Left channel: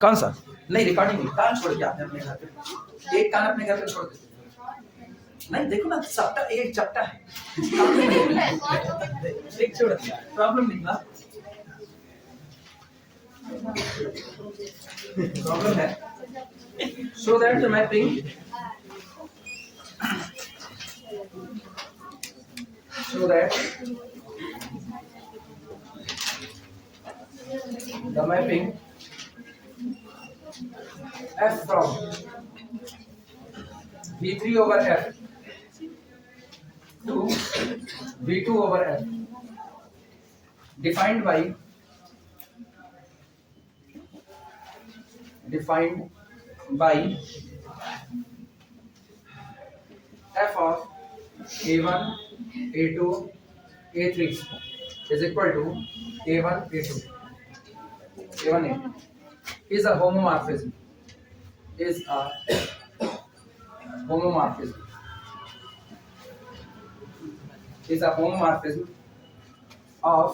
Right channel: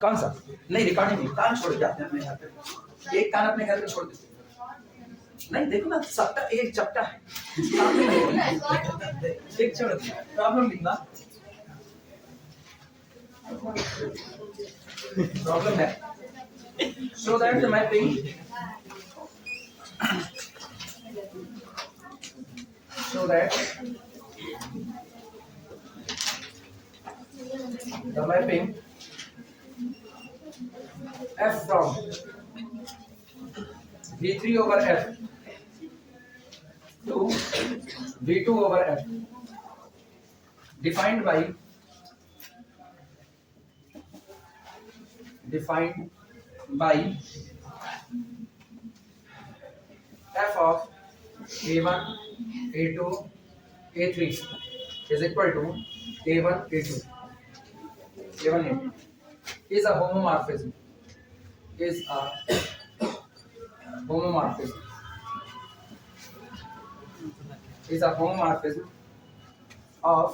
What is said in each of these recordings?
कौन सा? नहीं रिकॉर्डिंग नहीं, कान छोड़ के आते हैं अपने घर पे, एक कान अपने घर पे छोड़ देते हैं। नहीं देखो ना, सबका एक चपटा है, एक छोड़ दिया, प्रॉब्लम नहीं ना, प्रॉब्लम है। So that the mapping f from V3 over f to V2 over f defined by f of a1 a2 a3 is equal to a1 a2 a1 a2 is a homomorphism of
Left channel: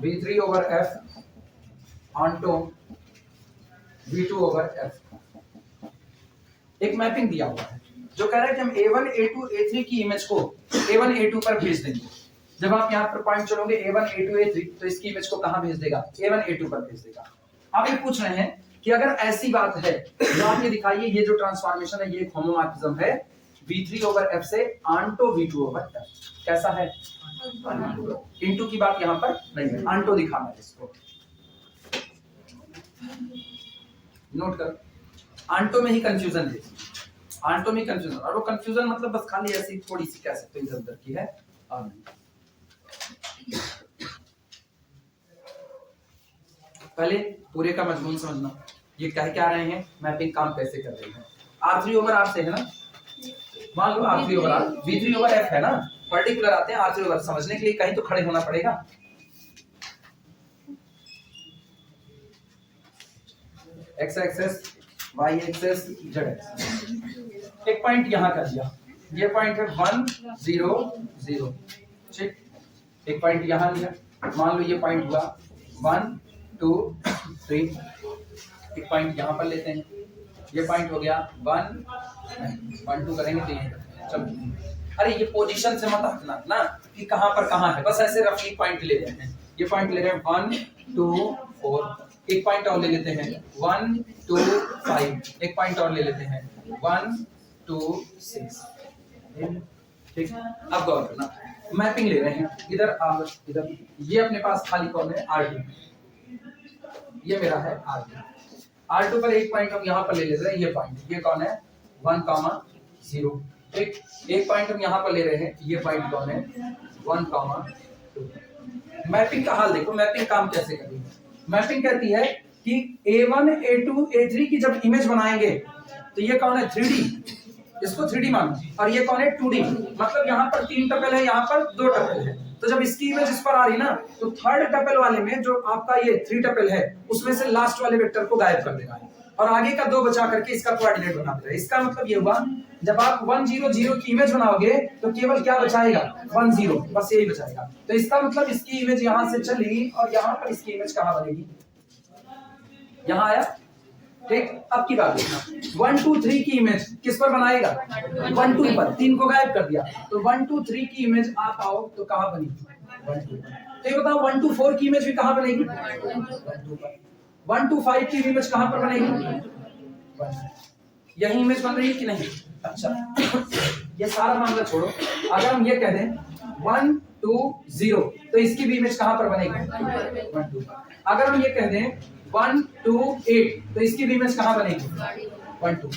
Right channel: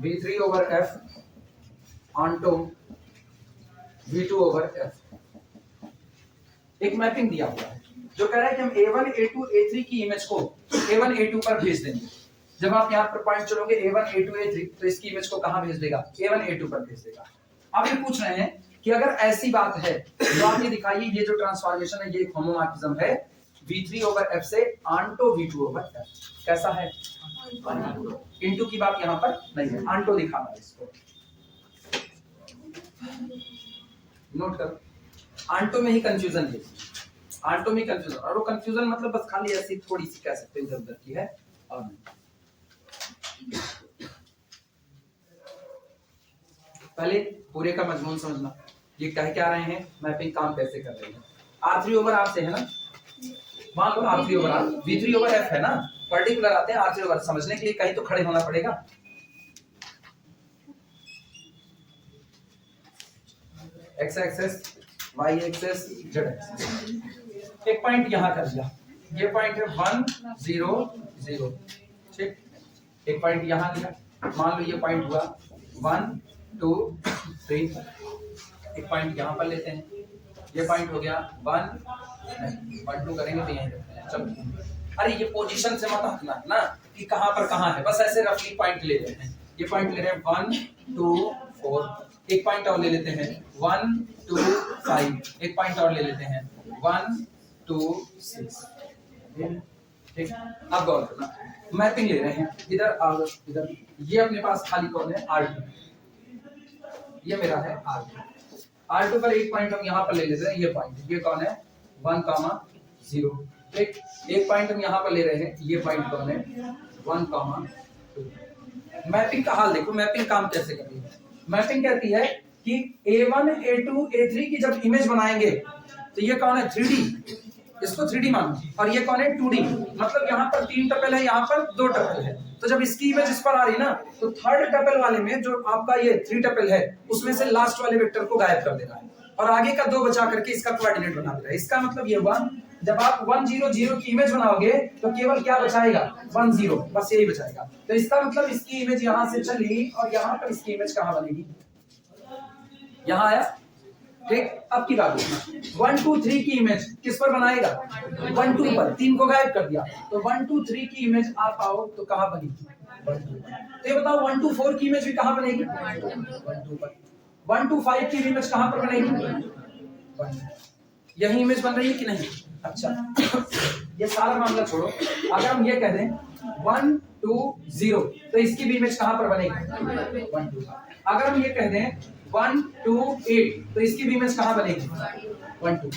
V3 over f onto V2 over f। एक mapping दिया हुआ है जो कह रहा है कि हम A1 A2 A3 की इमेज को A1 A2 पर भेज देंगे। जब आप यहाँ पर पॉइंट चलोगे A1 A2 A3 तो इसकी इमेज को कहां भेज देगा? A1 A2 पर भेज देगा। आप ये पूछ रहे हैं कि अगर ऐसी बात है तो आप ये दिखाइए, ये जो ट्रांसफॉर्मेशन है ये होमोमॉर्फिज्म है V3 over f से onto V2 over f। कैसा है? इनटू की बात यहाँ पर नहीं है, onto दिखाना है इसको, नोट करो। आंटो में ही कंफ्यूजन है, आंटो में कंफ्यूजन, और वो कंफ्यूजन मतलब बस खाली ऐसी थोड़ी सी कह सकते हो इधर उधर की है। और पहले पूरे का मजमून समझना, ये कह क्या रहे हैं, मैपिंग काम कैसे कर रही है। R3 ओवर R से है ना, मान लो R3 over R, V3 over F है ना, पर्टिकुलर आते हैं R3 ओवर, समझने के लिए कहीं तो खड़े होना पड़ेगा। x axis, y axis, z axis. एक पॉइंट यहां कर दिया, ये पॉइंट है 1 0 0, ठीक। एक पॉइंट यहां लिया, मान लो ये पॉइंट हुआ 1 2 3। एक पॉइंट यहां पर लेते हैं, ये पॉइंट हो गया 1 2 करेंगे तो यहीं रखते हैं। चलो, अरे ये पोजीशन से मत हटना ना कि कहां पर कहां है, बस ऐसे रफली पॉइंट ले लेते हैं। ये पॉइंट ले रहे हैं 1 2 4, एक पॉइंट और ले लेते हैं 1 2 5, एक पॉइंट और ले लेते हैं 1 2 6, ठीक। अब गौर करना, मैपिंग ले रहे हैं इधर इधर, ये अपने पास खाली कौन है? R2, ये मेरा है R2 पर एक पॉइंट हम यहाँ पर ले लेते हैं, ये पॉइंट, ये कौन है? 1 0, ठीक। एक पॉइंट हम यहाँ पर ले रहे हैं, ये पॉइंट कौन है? 1 2। मैपिंग का हाल देखो, मैपिंग काम कैसे कर रही है। मैपिंग कहती है कि A1 A2 A3 की जब इमेज बनाएंगे तो ये कौन है? 3D, इसको 3D मानो, और ये कौन है? 2D। मतलब यहाँ पर 3 टपल है, यहाँ पर 2 टपल है, तो जब इसकी इमेज इस पर आ रही ना तो थर्ड टपल वाले में जो आपका ये 3 टपल है उसमें से लास्ट वाले वेक्टर को गायब कर देना है और आगे का 2 बचा करके इसका कोऑर्डिनेट बना देना है। इसका मतलब ये हुआ जब आप 1 0 0 की इमेज बनाओगे तो केवल क्या बचाएगा? 1 0, बस यही बचाएगा। तो इसका मतलब इसकी इमेज यहां से चली और यहां पर इसकी इमेज कहां बनेगी? यहां आया, ठीक। अब की बात देखना, 1 2 3 की इमेज किस पर बनाएगा? 1 2 पर, 3 को गायब कर दिया तो 1 2 3 की इमेज आप आओ तो कहां बनेगी? 1 2 पर। तो ये बताओ 1 2 4 की इमेज भी कहां बनेगी? 1 2 पर। 1 2 5 की इमेज कहां पर बनेगी? 1। यही इमेज बन रही है कि नहीं? अच्छा, ये सारा मामला छोड़ो, अगर हम ये कह दें 1 2 0 तो इसकी भी इमेज कहां पर बनेगी? 1 2 पर। अगर हम ये कह दें 1 2 8 तो इसकी भी इमेज कहां बनेगी? 1 2।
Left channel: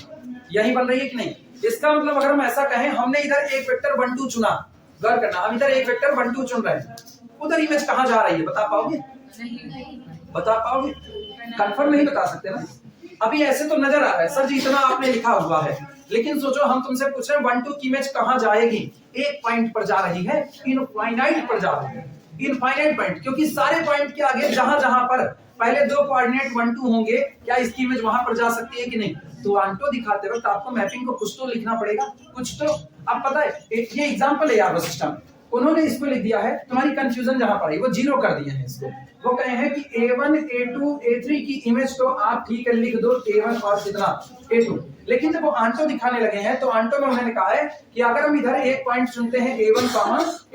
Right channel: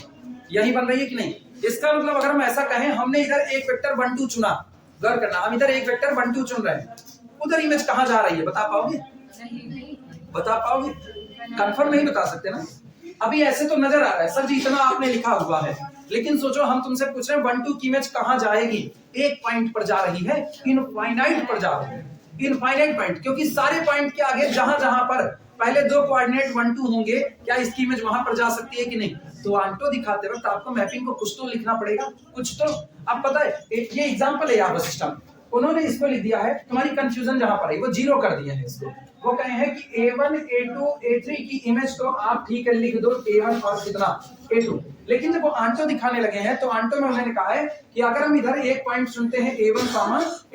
यही बन रही है कि नहीं? इसका मतलब अगर हम ऐसा कहें, हमने इधर एक वेक्टर 1 2 चुना, गौर करना, हम इधर एक वेक्टर 1 2 चुन रहे हैं, उधर इमेज कहां जा रही है? बता पाओगे? बता पाओगे? कंफर्म नहीं बता सकते ना, अभी ऐसे तो नजर आ रहा है सर जी इतना आपने लिखा हुआ है, लेकिन सोचो हम तुमसे पूछ रहे हैं 1 2 की इमेज कहां जाएगी? एक पॉइंट पर जा रही है, इनफाइनाइट पर जा रही है, इनफाइनाइट पॉइंट, क्योंकि सारे पॉइंट के आगे जहां जहां पर पहले 2 कोऑर्डिनेट 1 2 होंगे, क्या इसकी इमेज वहां पर जा सकती है कि नहीं? तो आंटो दिखाते वक्त आपको मैपिंग को कुछ तो लिखना पड़ेगा, कुछ तो। अब पता है ये एग्जांपल है यार, बस सिस्टम उन्होंने इसको लिख दिया है, तुम्हारी कंफ्यूजन जहां पर है वो जीरो कर दिए हैं इसको। वो कहे हैं कि A1 A2 A3 की इमेज तो आप ठीक है लिख दो A1 और कितना A2, लेकिन जब वो आंटो दिखाने लगे हैं तो आंटो में उन्होंने कहा है कि अगर हम इधर एक पॉइंट चुनते हैं A1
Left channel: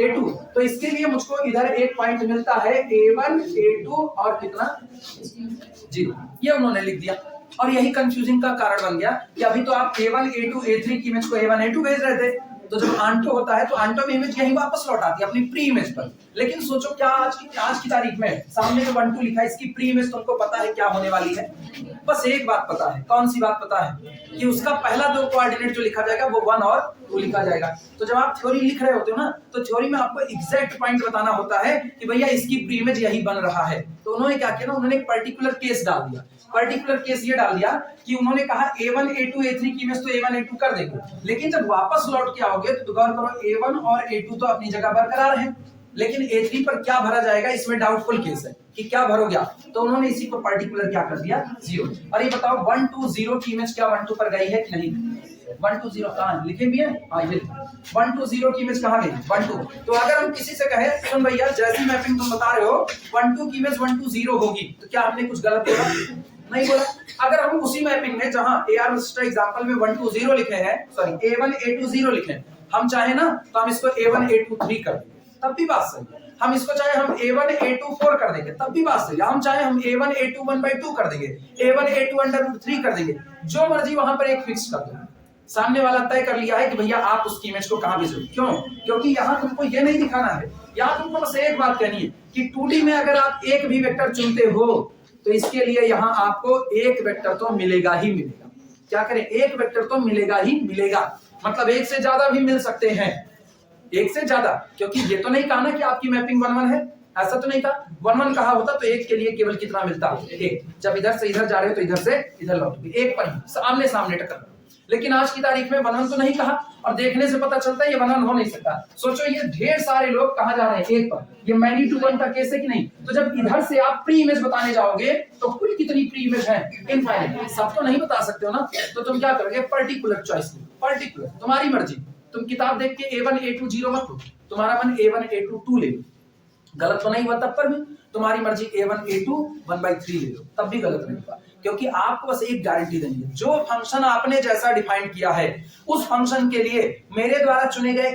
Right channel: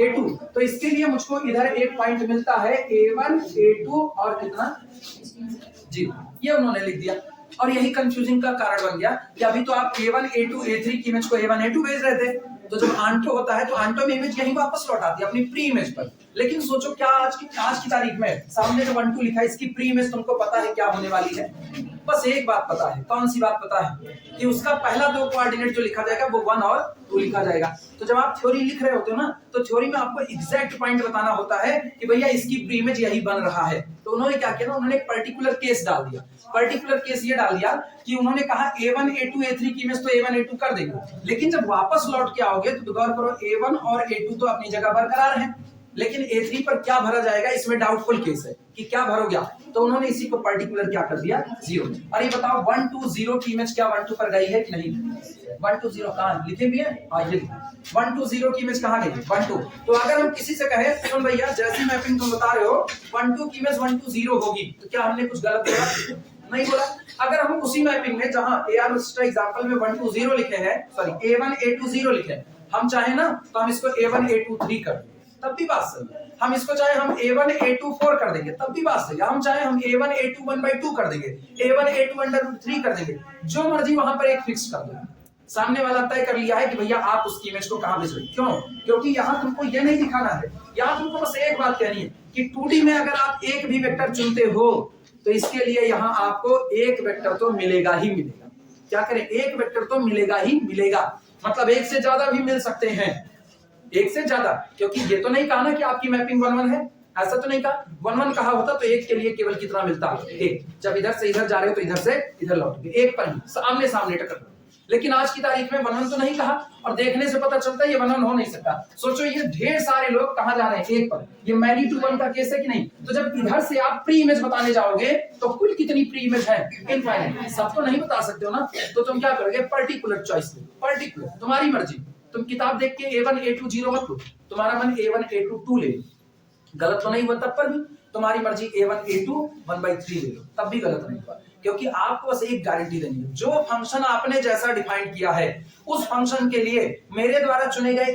A2 तो इसके लिए मुझको इधर एक पॉइंट मिलता है A1 A2 और कितना 0। ये उन्होंने लिख दिया और यही कंफ्यूजिंग का कारण बन गया कि अभी तो आप A1 A2 A3 की इमेज को A1 A2 भेज रहे थे, तो जब आंटो होता है तो आंटो में इमेज यहीं वापस लौट आती है अपनी प्री इमेज पर। लेकिन सोचो क्या आज की तारीख में सामने जो 1 2 लिखा है इसकी प्री इमेज तुमको पता है क्या होने वाली है? बस एक बात पता है, कौन सी बात पता है? कि उसका पहला दो कोऑर्डिनेट जो लिखा जाएगा वो 1 और 2 लिखा जाएगा। तो जब आप थ्योरी लिख रहे होते हो ना तो थ्योरी में आपको एग्जैक्ट पॉइंट बताना होता है कि भैया इसकी प्री इमेज यही बन रहा है। तो उन्होंने क्या किया ना, उन्होंने एक पर्टिकुलर केस डाल दिया। पर्टिकुलर केस ये डाल दिया कि उन्होंने कहा A1 A2 A3 की इमेज तो A1 A2 कर देंगे, लेकिन जब वापस लौट के आओगे तो गौर करो A1 और A2 तो अपनी जगह बरकरार है, लेकिन A3 पर क्या भरा जाएगा इसमें डाउटफुल केस है कि क्या भरोगे आप। तो उन्होंने इसी को पर्टिकुलर क्या कर दिया 0। और ये बताओ 1 2 0 की इमेज क्या 1 2 पर गई है कि नहीं? 1 2 0 कहां लिखे भी है? हाँ ये 1 2 0 की इमेज कहां गई? 1 2। तो अगर हम किसी से कहे सुन भैया जैसी मैपिंग तुम बता रहे हो 1 2 की इमेज 1 2 0 होगी, तो क्या हमने कुछ गलत बोला? नहीं बोला। अगर हम उसी मैपिंग में जहां AR रजिस्टर एग्जांपल में 1 2 0 लिखे हैं, सॉरी A1 A2 0 लिखे हैं, हम चाहे ना तो हम इसको A1 A2 3 कर देंगे, तब भी बात सही है। हम इसको चाहे हम A1 A2 4 कर देंगे, तब भी बात सही है। हम चाहे हम A1 A2 1/2 कर देंगे, A1 A2 √3 कर देंगे, जो मर्जी वहां पर एक फिक्स कर दो। सामने वाला तय कर लिया है कि भैया आप उसकी इमेज को कहां भेजोगे। क्यों? क्योंकि यहां तुमको ये नहीं दिखाना है, यहां तुमको बस एक बात कहनी है कि 2D में अगर आप एक भी वेक्टर चुनते हो तो इसके लिए यहां आपको एक वेक्टर तो मिलेगा ही मिलेगा। क्या करें? एक वेक्टर तो मिलेगा ही मिलेगा, मतलब एक से ज्यादा भी मिल सकते हैं, एक से ज्यादा, क्योंकि ये तो नहीं कहा ना कि आपकी मैपिंग 1 1 है, ऐसा तो नहीं कहा। 1 1 कहा होता तो एक के लिए केवल कितना मिलता? एक। जब इधर से इधर जा रहे हो तो इधर से इधर लौटोगे, एक पर ही आमने सामने टक्कर। लेकिन आज की तारीख में 1 1 तो नहीं कहा और देखने से पता चलता है ये 1 1 हो नहीं सकता। सोचो ये ढेर सारे लोग कहां जा रहे हैं? एक पर। ये मैनी टू 1 का केस है कि नहीं? तो जब इधर से आप प्री इमेज बताने जाओगे तो कुल कितनी प्री इमेज है? इनफाइनाइट। सब तो नहीं बता सकते हो ना, तो तुम क्या करोगे? पर्टिकुलर चॉइस लो, पर्टिकुलर, तुम्हारी मर्जी। तुम किताब देख के A1 A2 0 मत लो, तुम्हारा मन A1 A2 2 ले लो, गलत तो नहीं हुआ तब पर भी। तुम्हारी मर्जी A1 A2 1/3 ले लो, तब भी गलत नहीं हुआ। क्योंकि आपको बस एक गारंटी देनी है, जो फंक्शन आपने जैसा डिफाइन किया है उस फंक्शन के लिए मेरे द्वारा चुने गए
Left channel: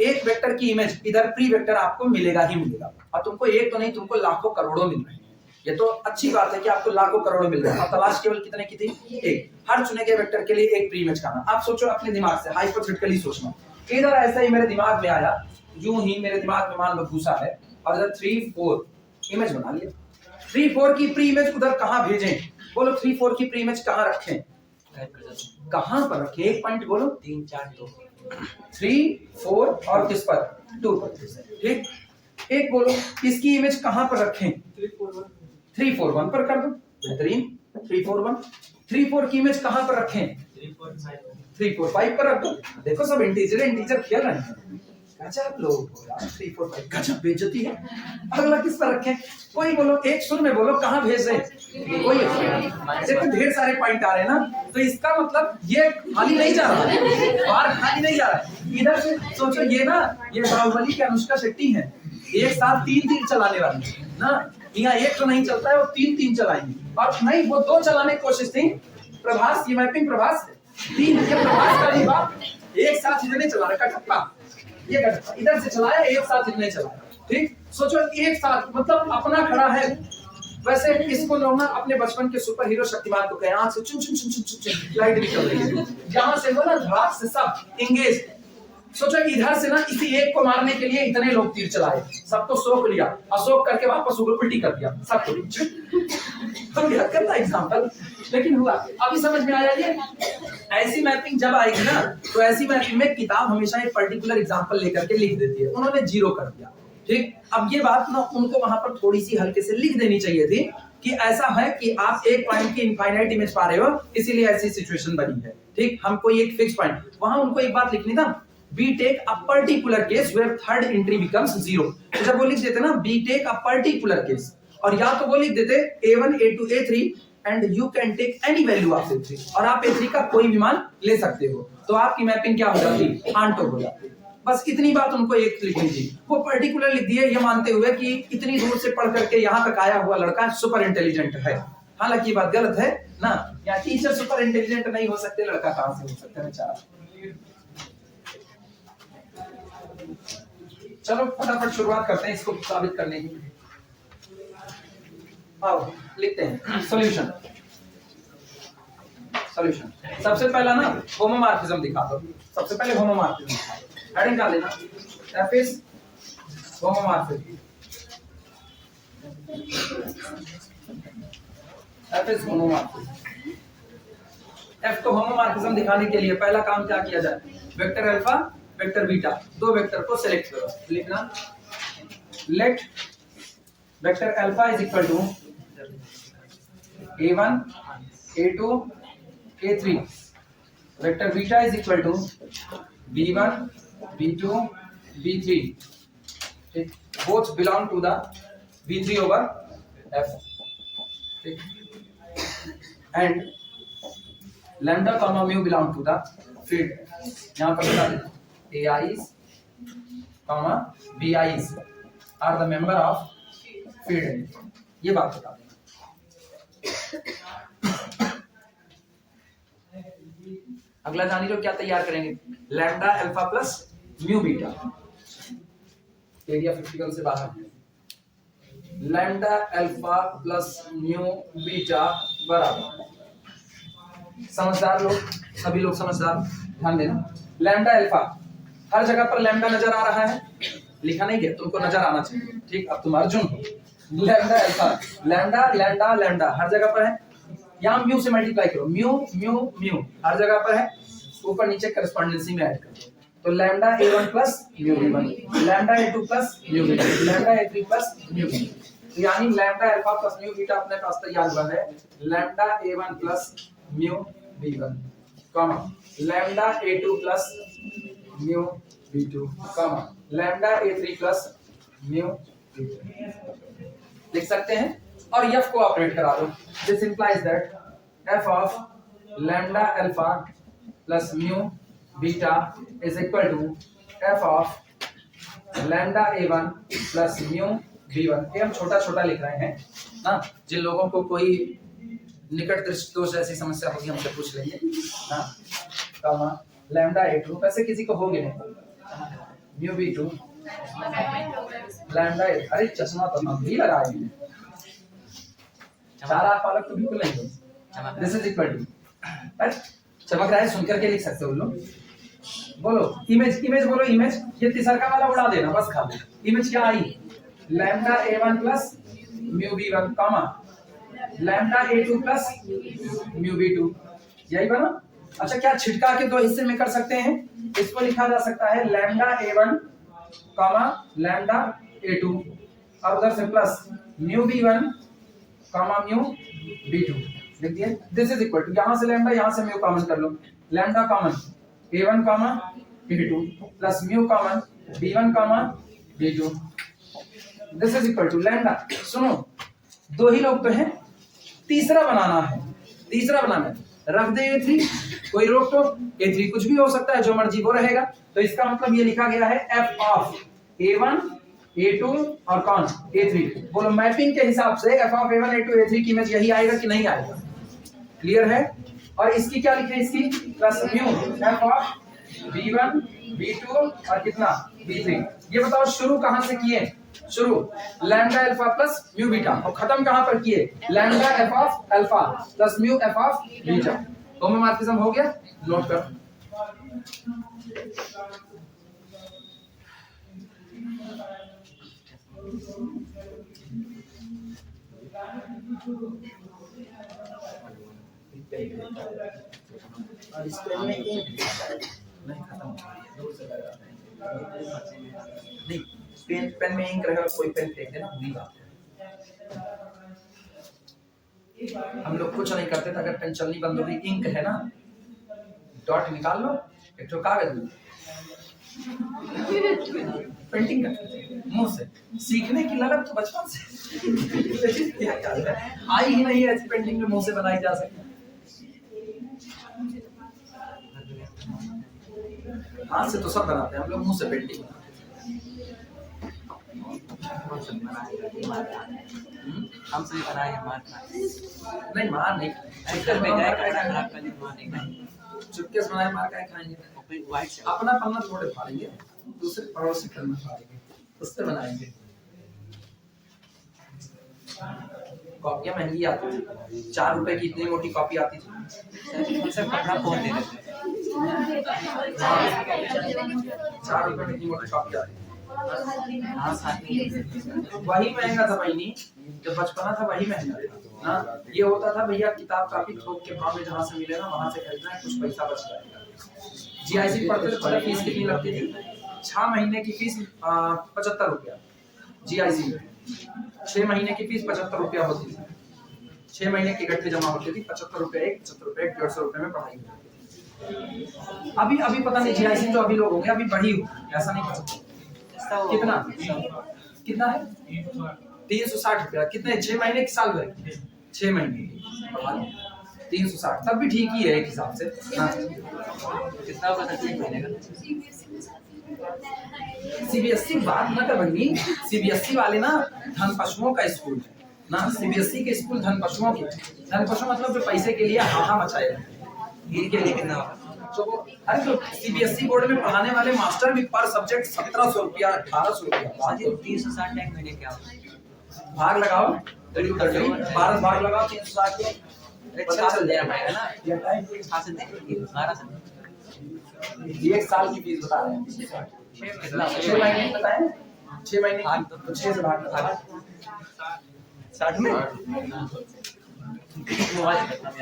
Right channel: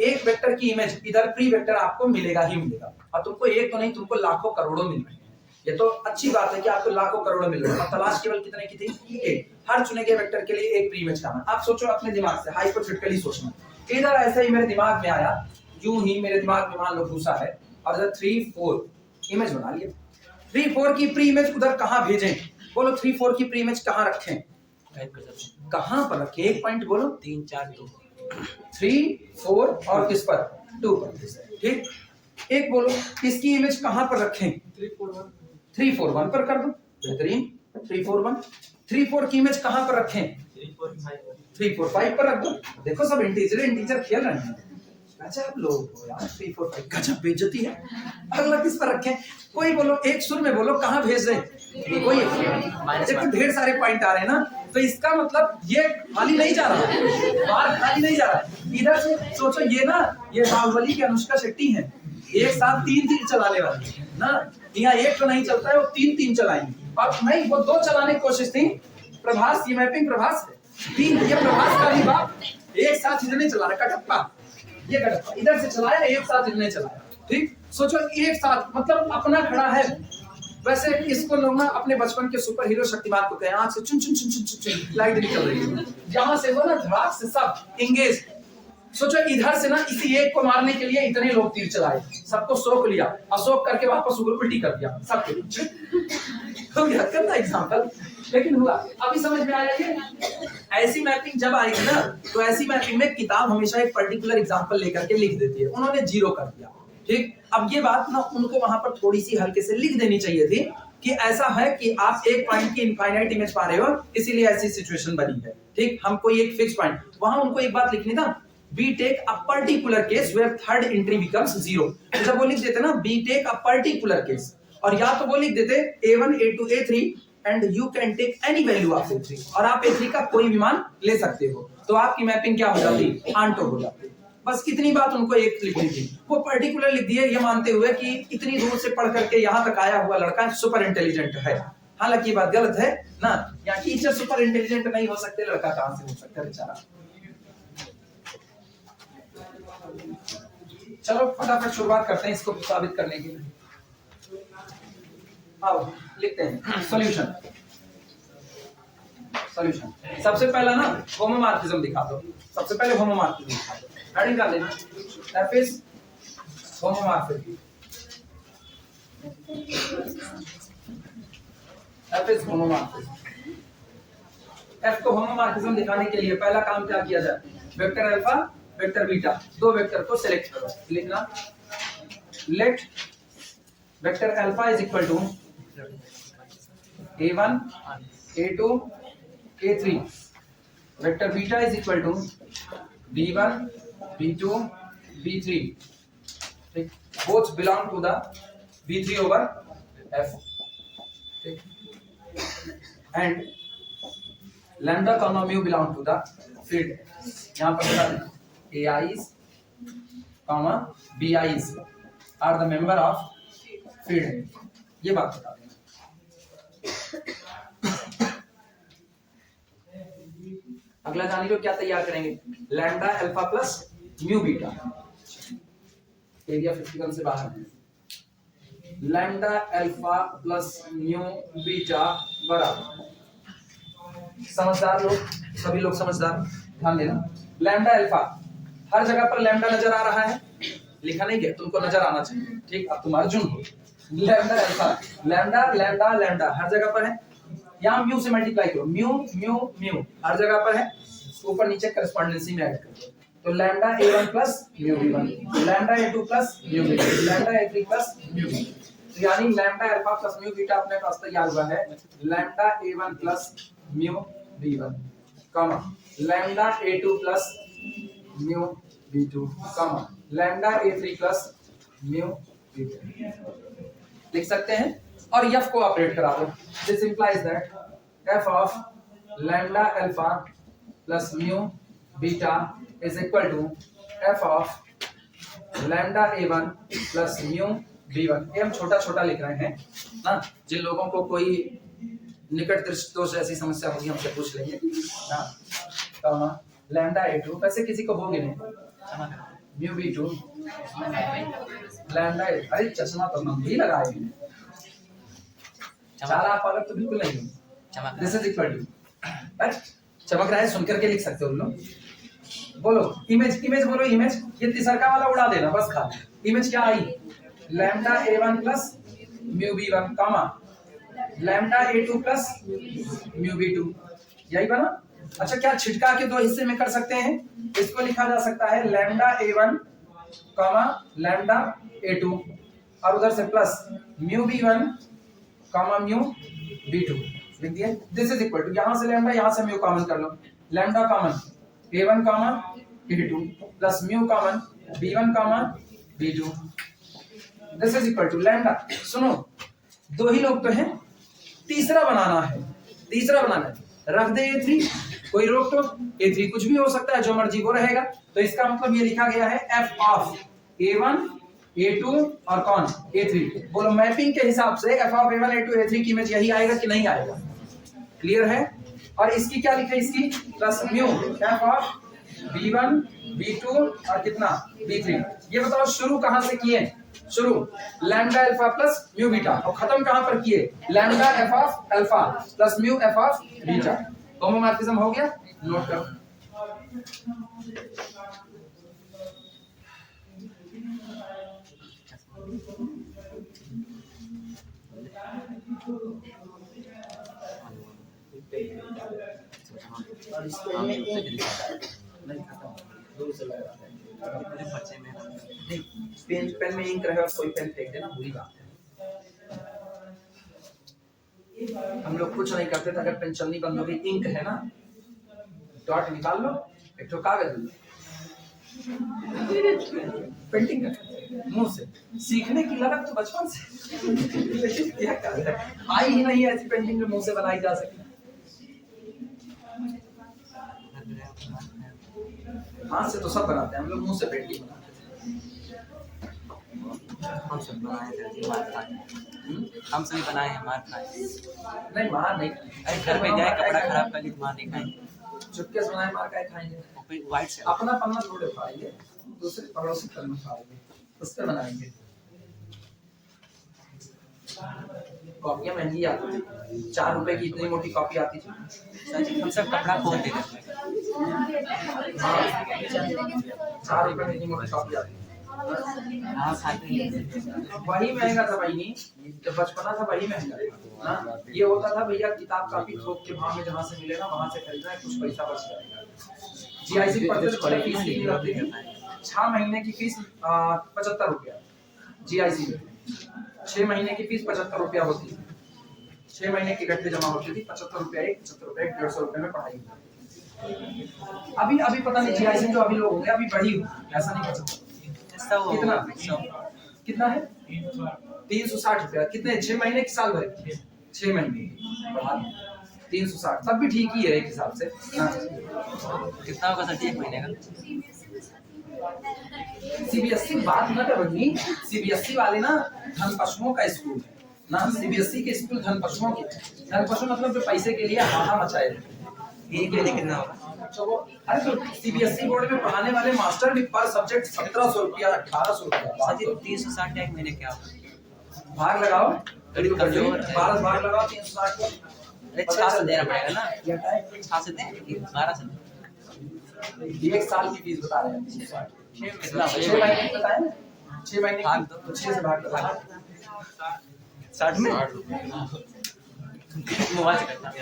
एक वेक्टर की इमेज इधर प्री वेक्टर आपको मिलेगा ही मिलेगा। और तुमको एक तो नहीं, तुमको लाखों करोड़ों मिल रहे हैं। ये तो अच्छी बात है कि आपको लाखों करोड़ों मिल रहे हैं, और तलाश केवल कितने की थी? एक। हर चुने गए वेक्टर के लिए एक प्री इमेज करना। आप सोचो अपने दिमाग से, हाइपोथेटिकली सोचना। इधर ऐसा ही मेरे दिमाग में आया, यूं ही मेरे दिमाग में मान लो भूसा है और इधर 3 4 इमेज बना लिया। 3 4 की प्री इमेज उधर कहां भेजें? बोलो 3 4 की प्री इमेज कहां रखें? कहां पर रखें? एक पॉइंट बोलो। 3 4 2 3 4 और किस पर? 2 पर। ठीक, एक बोलो इसकी इमेज कहां पर रखें? 3 4 1 पर कर दो, बेहतरीन। 3 4 1। 3 4 की इमेज कहां पर रखें? 3 4 5 पर रख दो। देखो सब इंटीजर खेल रहे हैं। गजब लोग हो यार, 3 4 5 गजब बेइज्जती है। अगला किस पर रखें? कोई बोलो, एक सुर में बोलो कहां भेज रहे? कोई देखो ढेर सारे पॉइंट आ रहे हैं ना, तो इसका मतलब ये खाली नहीं जा रहा है, बाहर खाली नहीं जा रहा है। इधर से सोचो, ये ना ये बाहुबली की अनुष्का शेट्टी है, एक साथ 3 तीर चलाने वाली ना। यहाँ एक तो नहीं चलता है, वो 3 3 चलाएंगे। और नहीं, वो 2 चलाने की कोशिश थी। प्रभास, ये मैपिंग प्रभास है, 3 ये प्रभास का भी बाप एक साथ इतने चला रहा, कटप्पा ये कटप्पा इधर से चलाया, एक साथ इतने चलाया। ठीक, सोचो एक साथ, मतलब अपना खड़ा है। वैसे इसको लोग ना अपने बचपन के सुपर हीरो शक्तिमान को कहे, आंख से चुन चुन चुन चुन चुन लाइट निकल रही है, जहां से वो ना धड़ाक से सब इंगेज। सोचो इधर से ना इसी एक को मारने के लिए इतने लोग तीर चलाए, सबको सोख लिया, अशोक करके वापस उल्टी कर दिया सबको। तो क्या करता एग्जांपल, लेकिन हुआ। अभी समझ में आया ये? ऐसी मैपिंग जब आएगी ना, तो ऐसी मैपिंग में किताब हमेशा एक पर्टिकुलर एग्जांपल लेकर के लिख देती है। उन्होंने 0 कर दिया। ठीक, अब ये बात ना उनको वहां पर थोड़ी सी हल्के से लिख देनी चाहिए थी कि ऐसा है कि आप एक पॉइंट की इनफाइनाइट इमेज पा रहे हो, इसीलिए ऐसी सिचुएशन बनी है। ठीक, हमको एक फिक्स पॉइंट, वहां उनको एक बात लिखनी था, we take a particular case where third entry becomes 0। तो जब वो लिख देते ना we take a particular case, और या तो वो लिख देते A1 A2 A3 and you can take any value of A3, और आप A3 का कोई भी मान ले सकते हो, तो आपकी मैपिंग क्या हो जाती? आंटो हो जाती। बस इतनी बात उनको एक लिख लीजिए, वो पर्टिकुलर लिख दिए ये मानते हुए कि इतनी दूर से पढ़ करके यहाँ तक आया हुआ लड़का सुपर इंटेलिजेंट है। हालांकि ये बात गलत है ना, या टीचर सुपर इंटेलिजेंट नहीं हो सकते, लड़का कहां से हो सकता है बेचारा। चलो फटाफट शुरुआत करते हैं इसको साबित करने की। आओ लिखते हैं सॉल्यूशन। सॉल्यूशन सबसे पहला ना होमोमॉर्फिज्म दिखा दो, सबसे पहले होमोमॉर्फिज्म दिखा दो। हेडिंग डाल देना f is homomorphism, f is homomorphism. F को होमोमॉर्फिज्म दिखाने के लिए पहला काम क्या किया जाए, वेक्टर अल्फा वेक्टर बीटा, दो वेक्टर को सिलेक्ट करो। लिखना let vector alpha is equal to a1 a2 a3, vector beta is equal to b1 b2 b3, ठीक, both belong to the b3 over f, ठीक, and lambda comma mu belong to the field. यहां पर बता दें AIs, BIs are the member of field, ये बात बता देना। अगला जानी जो क्या तैयार करेंगे, lambda alpha plus mu beta, area 51 से बाहर है, lambda alpha plus mu beta बराबर, समझदार लोग, सभी लोग समझदार ध्यान देना, लैम्डा अल्फा हर जगह पर लैम्डा नजर आ रहा है, लिखा नहीं गया, तुमको नजर आना चाहिए, ठीक, अब तुम अर्जुन हो। Lambda alpha, lambda lambda lambda हर जगह पर है, यहाँ म्यू से मल्टीप्लाई करो, म्यू म्यू म्यू हर जगह पर है, ऊपर नीचे करस्पॉन्डेंसी में ऐड कर दो, तो lambda a1 plus mu b1, lambda a2 plus mu b2, lambda a3 plus mu b, तो यानी lambda alpha plus mu beta अपने पास तैयार हुआ है, lambda a1 plus mu b1, comma lambda a2 plus mu b2, comma lambda a3 plus mu b2, लिख सकते हैं। और f को ऑपरेट करा दो, this implies that f of lambda alpha plus mu beta is equal to f of lambda a1 plus mu b1। ये हम छोटा छोटा लिख रहे हैं ना, जिन लोगों को कोई निकट दृष्टि दोष ऐसी समस्या होगी हमसे पूछ लेंगे ना, कॉमा लैम्डा a2, वैसे किसी को होंगे नहीं, म्यू b2 लैम्डा, अरे चश्मा तो हम भी लगाए हैं, चार आंख वाला तो बिल्कुल नहीं हो, दिस इज इक्वल टू, चमक रहा है सुन करके लिख सकते हो लोग, बोलो इमेज, इमेज बोलो इमेज, ये तिसरका वाला उड़ा देना बस खाली, इमेज क्या आई, lambda a1 plus mu b1, comma lambda a2 plus mu b2, यही बना। अच्छा क्या छिटका के दो हिस्से में कर सकते हैं, इसको लिखा जा सकता है lambda a1 comma lambda a2, और उधर से plus mu b1 comma mu b2 लिख दिया, दिस इज इक्वल टू, यहां से लैम्डा यहां से म्यू कॉमन कर लो, lambda common a1 comma a2 plus mu common b1 comma b2, this is equal to lambda. सुनो दो ही लोग तो हैं, तीसरा बनाना है, तीसरा बनाना है, रख दे a3, कोई रोक टोक, a3 कुछ भी हो सकता है, जो मर्जी वो रहेगा, तो इसका मतलब ये लिखा गया है f ऑफ a1 a2 और कौन a3, बोलो मैपिंग के हिसाब से f of a1 a2 a3 की इमेज यही आएगा कि नहीं आएगा, क्लियर है। और इसकी क्या लिखे, इसकी plus mu f of b1 b2 और कितना b3, ये बताओ शुरू कहां से किए, शुरू lambda alpha plus mu beta, और खत्म कहां पर किए, lambda f of alpha plus mu f of beta, homomorphism हो गया, नोट करो। और इस पेन में इंक नहीं खत्म, दूर से लगा नहीं, पेन में इंक रहे और कोई पेन फेंक देना बुरी बात है, हम लोग कुछ नहीं करते थे, अगर पेन चलनी बंद हो गई, इंक है ना, डॉट निकाल लो, एक तो कागज लो, पेंटिंग कर मुंह से, सीखने की लगन तो बचपन से आई ही नहीं, ऐसी पेंटिंग जो मुंह से बनाई जा सके। हाथ से तो सब बनाते हैं हम लोग, मुंह से पेंटिंग बनाते हम सब बनाए करते मार खाए, हम सभी बनाए मार खाए। हैं। नहीं मार नहीं, अरे घर पे गए कपड़ा खराब कर ली मार नहीं खाएंगे, चुपके से बनाए मार काय खाएंगे। और फिर वाइट से अपना पन्ना थोड़े फाड़ेंगे, दूसरे पड़ोसी पन्ना फाड़ेंगे, उससे बनाएंगे। कॉपियां महंगी आती थी, 4 रुपए की इतनी मोटी कॉपी आती थी। हम सब कपड़ा खोल दे देते हैं। 4 रुपए में इतनी मोटी कॉपी आती थी। हाँ साथ में वही महंगा था भाई, नहीं जब बचपना था वही महंगा था ना। ये होता था भैया किताब कापी थोक के भाव में जहाँ से मिले ना वहाँ से खरीदना है, कुछ पैसा बच जाएगा। जीआईसी पढ़ते थे, फीस कितनी लगती थी? 6 महीने की फीस 75 रुपया जीआईसी में। 6 महीने की फीस 75 रुपया होती थी। 6 महीने की इकट्ठे जमा होती थी, 75 रुपया एक, 75 रुपया 150 रुपये में पढ़ाई होती। अभी पता नहीं जीआईसी जो अभी लोग होंगे अभी बढ़ी होगी, ऐसा नहीं कर सकते। कितना कितना है? 360 रुपया। कितने? 6 महीने की, साल भर? 6 महीने 360, तब भी ठीक ही है एक हिसाब से। कितना होगा सर 1 महीने का? सीबीएसई बात न कर बनी, सीबीएसई वाले ना धन पशुओं का स्कूल है ना। सीबीएसई के स्कूल धन पशुओं के, धन पशु मतलब जो पैसे के लिए हाहा मचाए रहते हैं। एक महीने कितना होगा? तो वो अरे तो सीबीएसई बोर्ड में पढ़ाने वाले मास्टर भी पर सब्जेक्ट 1700 रुपया 1800 रुपया। 360 1 महीने क्या? भाग लगाओ, 12 भाग लगाओ 360 को, 50 देना पड़ेगा ना। ये 7 से दे 12 से ये एक साल की फीस बता रहे हैं। कितना? 6 महीने की बताएं, 6 महीने भाग तो 6 से भाग करो। 60 में मोबाइल करता मैं।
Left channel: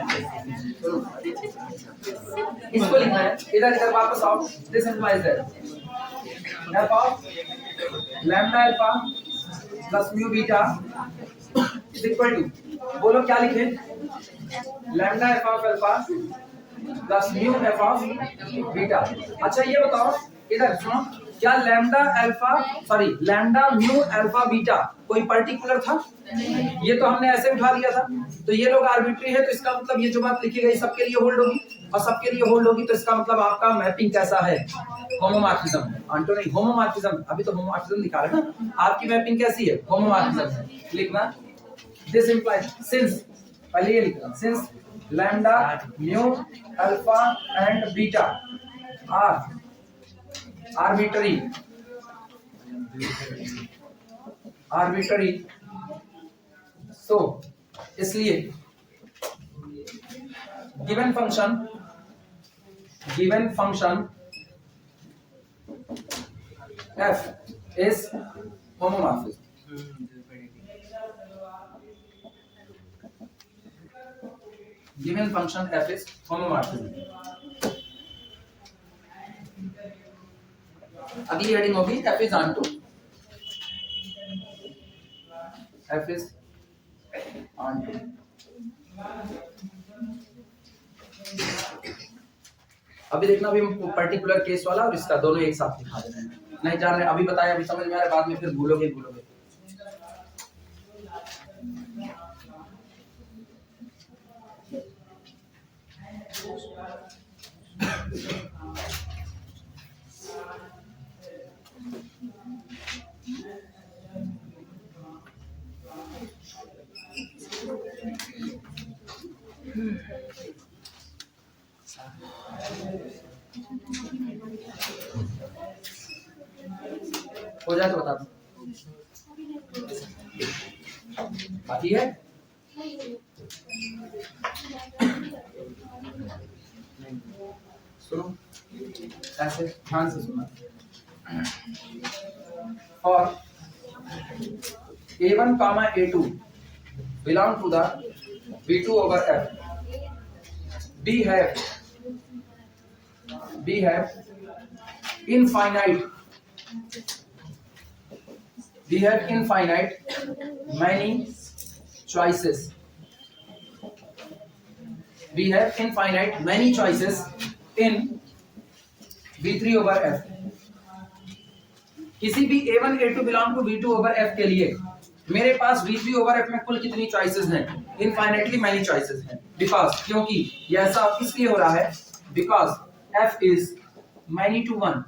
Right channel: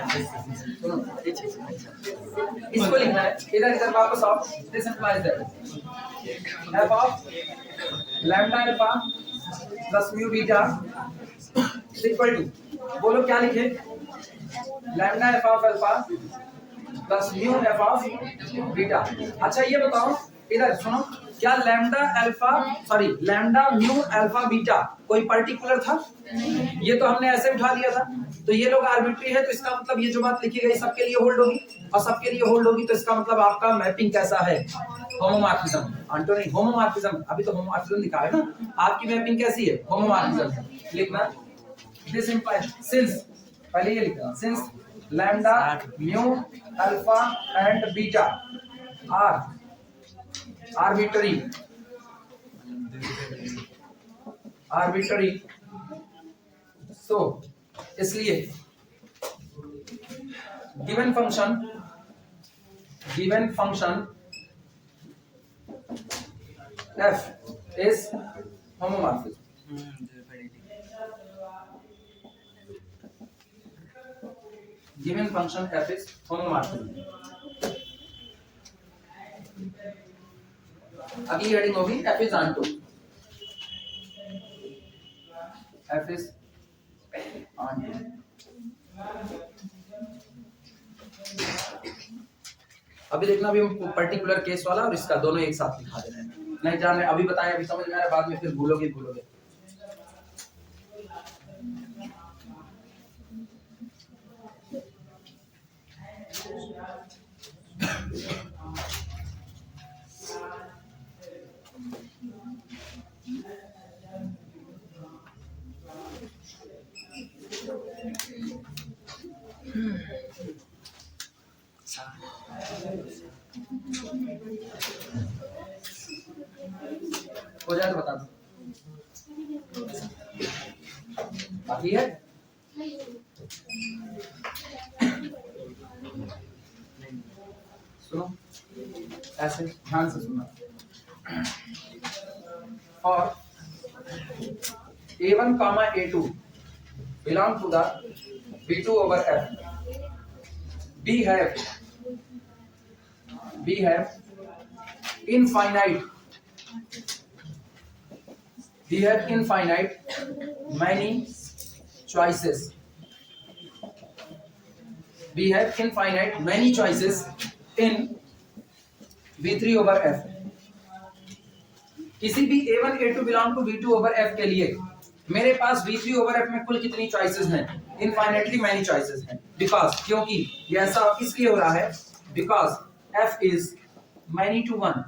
इसको लिखना है, इधर वापस आओ। This implies that f of lambda alpha plus mu beta is equal to, बोलो क्या लिखे? lambda f of alpha plus mu f of beta। अच्छा ये बताओ, इधर सुनो, क्या लैम्डा म्यू अल्फा बीटा कोई पर्टिकुलर था? ये तो हमने ऐसे उठा लिया था, तो ये लोग आर्बिट्री है, तो इसका मतलब ये जो बात लिखी गई सबके लिए होल्ड होगी, और सबके लिए होल्ड होगी तो इसका मतलब आपका मैपिंग कैसा है? होमोमॉर्फिज्म। आंटो नहीं, होमोमॉर्फिज्म। अभी तो होमोमॉर्फिज्म दिखा रहे ना, आपकी मैपिंग कैसी है? होमोमॉर्फिज्म। लिखना दिस इंप्लाइज, सिंस, पहले ये लिखना, since lambda mu alpha and beta are arbitrary so इसलिए given function f is homomorphism। given function f is homomorphism। अगली हेडिंग होगी f is onto, f is onto। अभी देखना, अभी हम पर्टिकुलर केस वाला और इसका दोनों एक साथ दिखा दे रहे हैं। नहीं जान रहे अभी बताएं, अभी समझ में आ रहा है, बाद में फिर भूलोगे। हो जाए तो बता दो, बाकी है? सुनो ऐसे ध्यान से सुनना। और A1 comma A2 belong to the B2 over F। B have infinite many choices। We have infinite many choices in B3 over F। किसी भी A1 A2 belong to B2 over F के लिए मेरे पास B3 ओवर F में कुल कितनी choices हैं? Infinitely many choices हैं। बिकॉज, क्योंकि ये ऐसा इसलिए हो रहा है because F is many to 1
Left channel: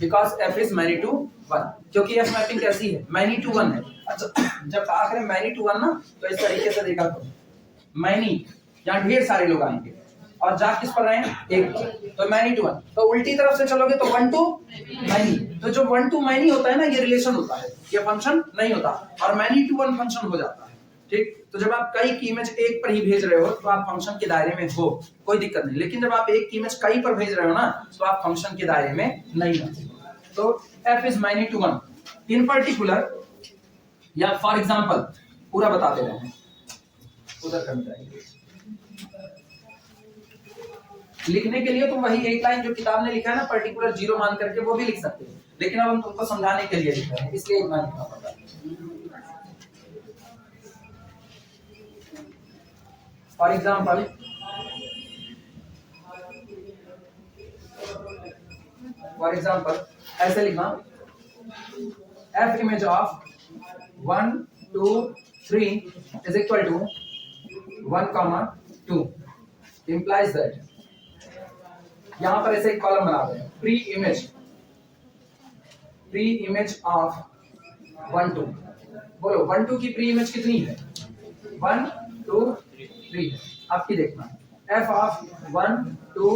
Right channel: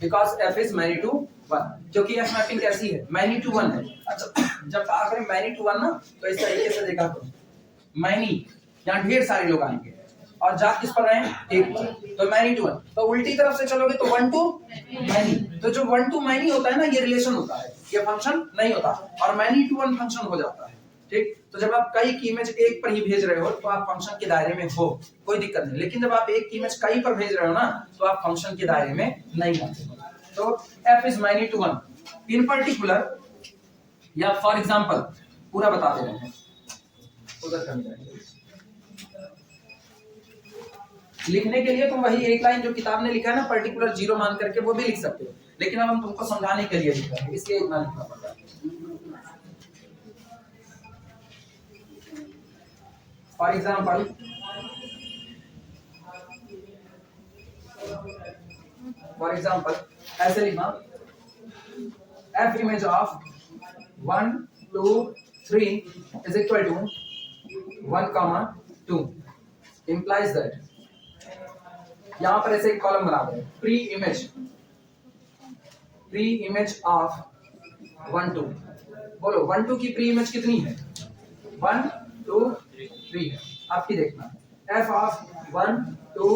because f is many to 1, क्योंकि f मैपिंग कैसी है, many to 1 है। अच्छा जब कहा करें many to 1 ना, तो इस तरीके से देखा करो, many यहाँ ढेर सारे लोग आएंगे और जा किस पर रहे हैं, एक पर, तो many to 1। तो उल्टी तरफ से चलोगे तो 1 to many, तो जो 1 to many होता है ना, ये रिलेशन होता है, ये फंक्शन नहीं होता, और many to 1 फंक्शन हो जाता है। ठीक, तो जब आप कई की इमेज एक पर ही भेज रहे हो तो आप फंक्शन के दायरे में हो, कोई दिक्कत नहीं, लेकिन जब आप एक की इमेज कई पर भेज रहे हो ना, तो आप फंक्शन के दायरे में नहीं आते। तो f is many to 1 in particular, या फॉर एग्जांपल पूरा बता दे रहे हैं, उधर कर जाएंगे। लिखने के लिए तो वही एक लाइन जो किताब ने लिखा है ना, पर्टिकुलर जीरो मान करके, वो भी लिख सकते हो, लेकिन अब हम तुमको समझाने के लिए लिख रहे हैं, इसलिए इतना लिखना पड़ता है। फॉर एग्जाम्पल ऐसे लिखना, f image of 1 2 3 is equal to 1, 2 implies that, यहां पर ऐसे एक कॉलम बना दें, प्री इमेज ऑफ 1 2, बोलो 1 2 की प्री इमेज कितनी है, 1 2 3 है। आपकी देखना f of 1 2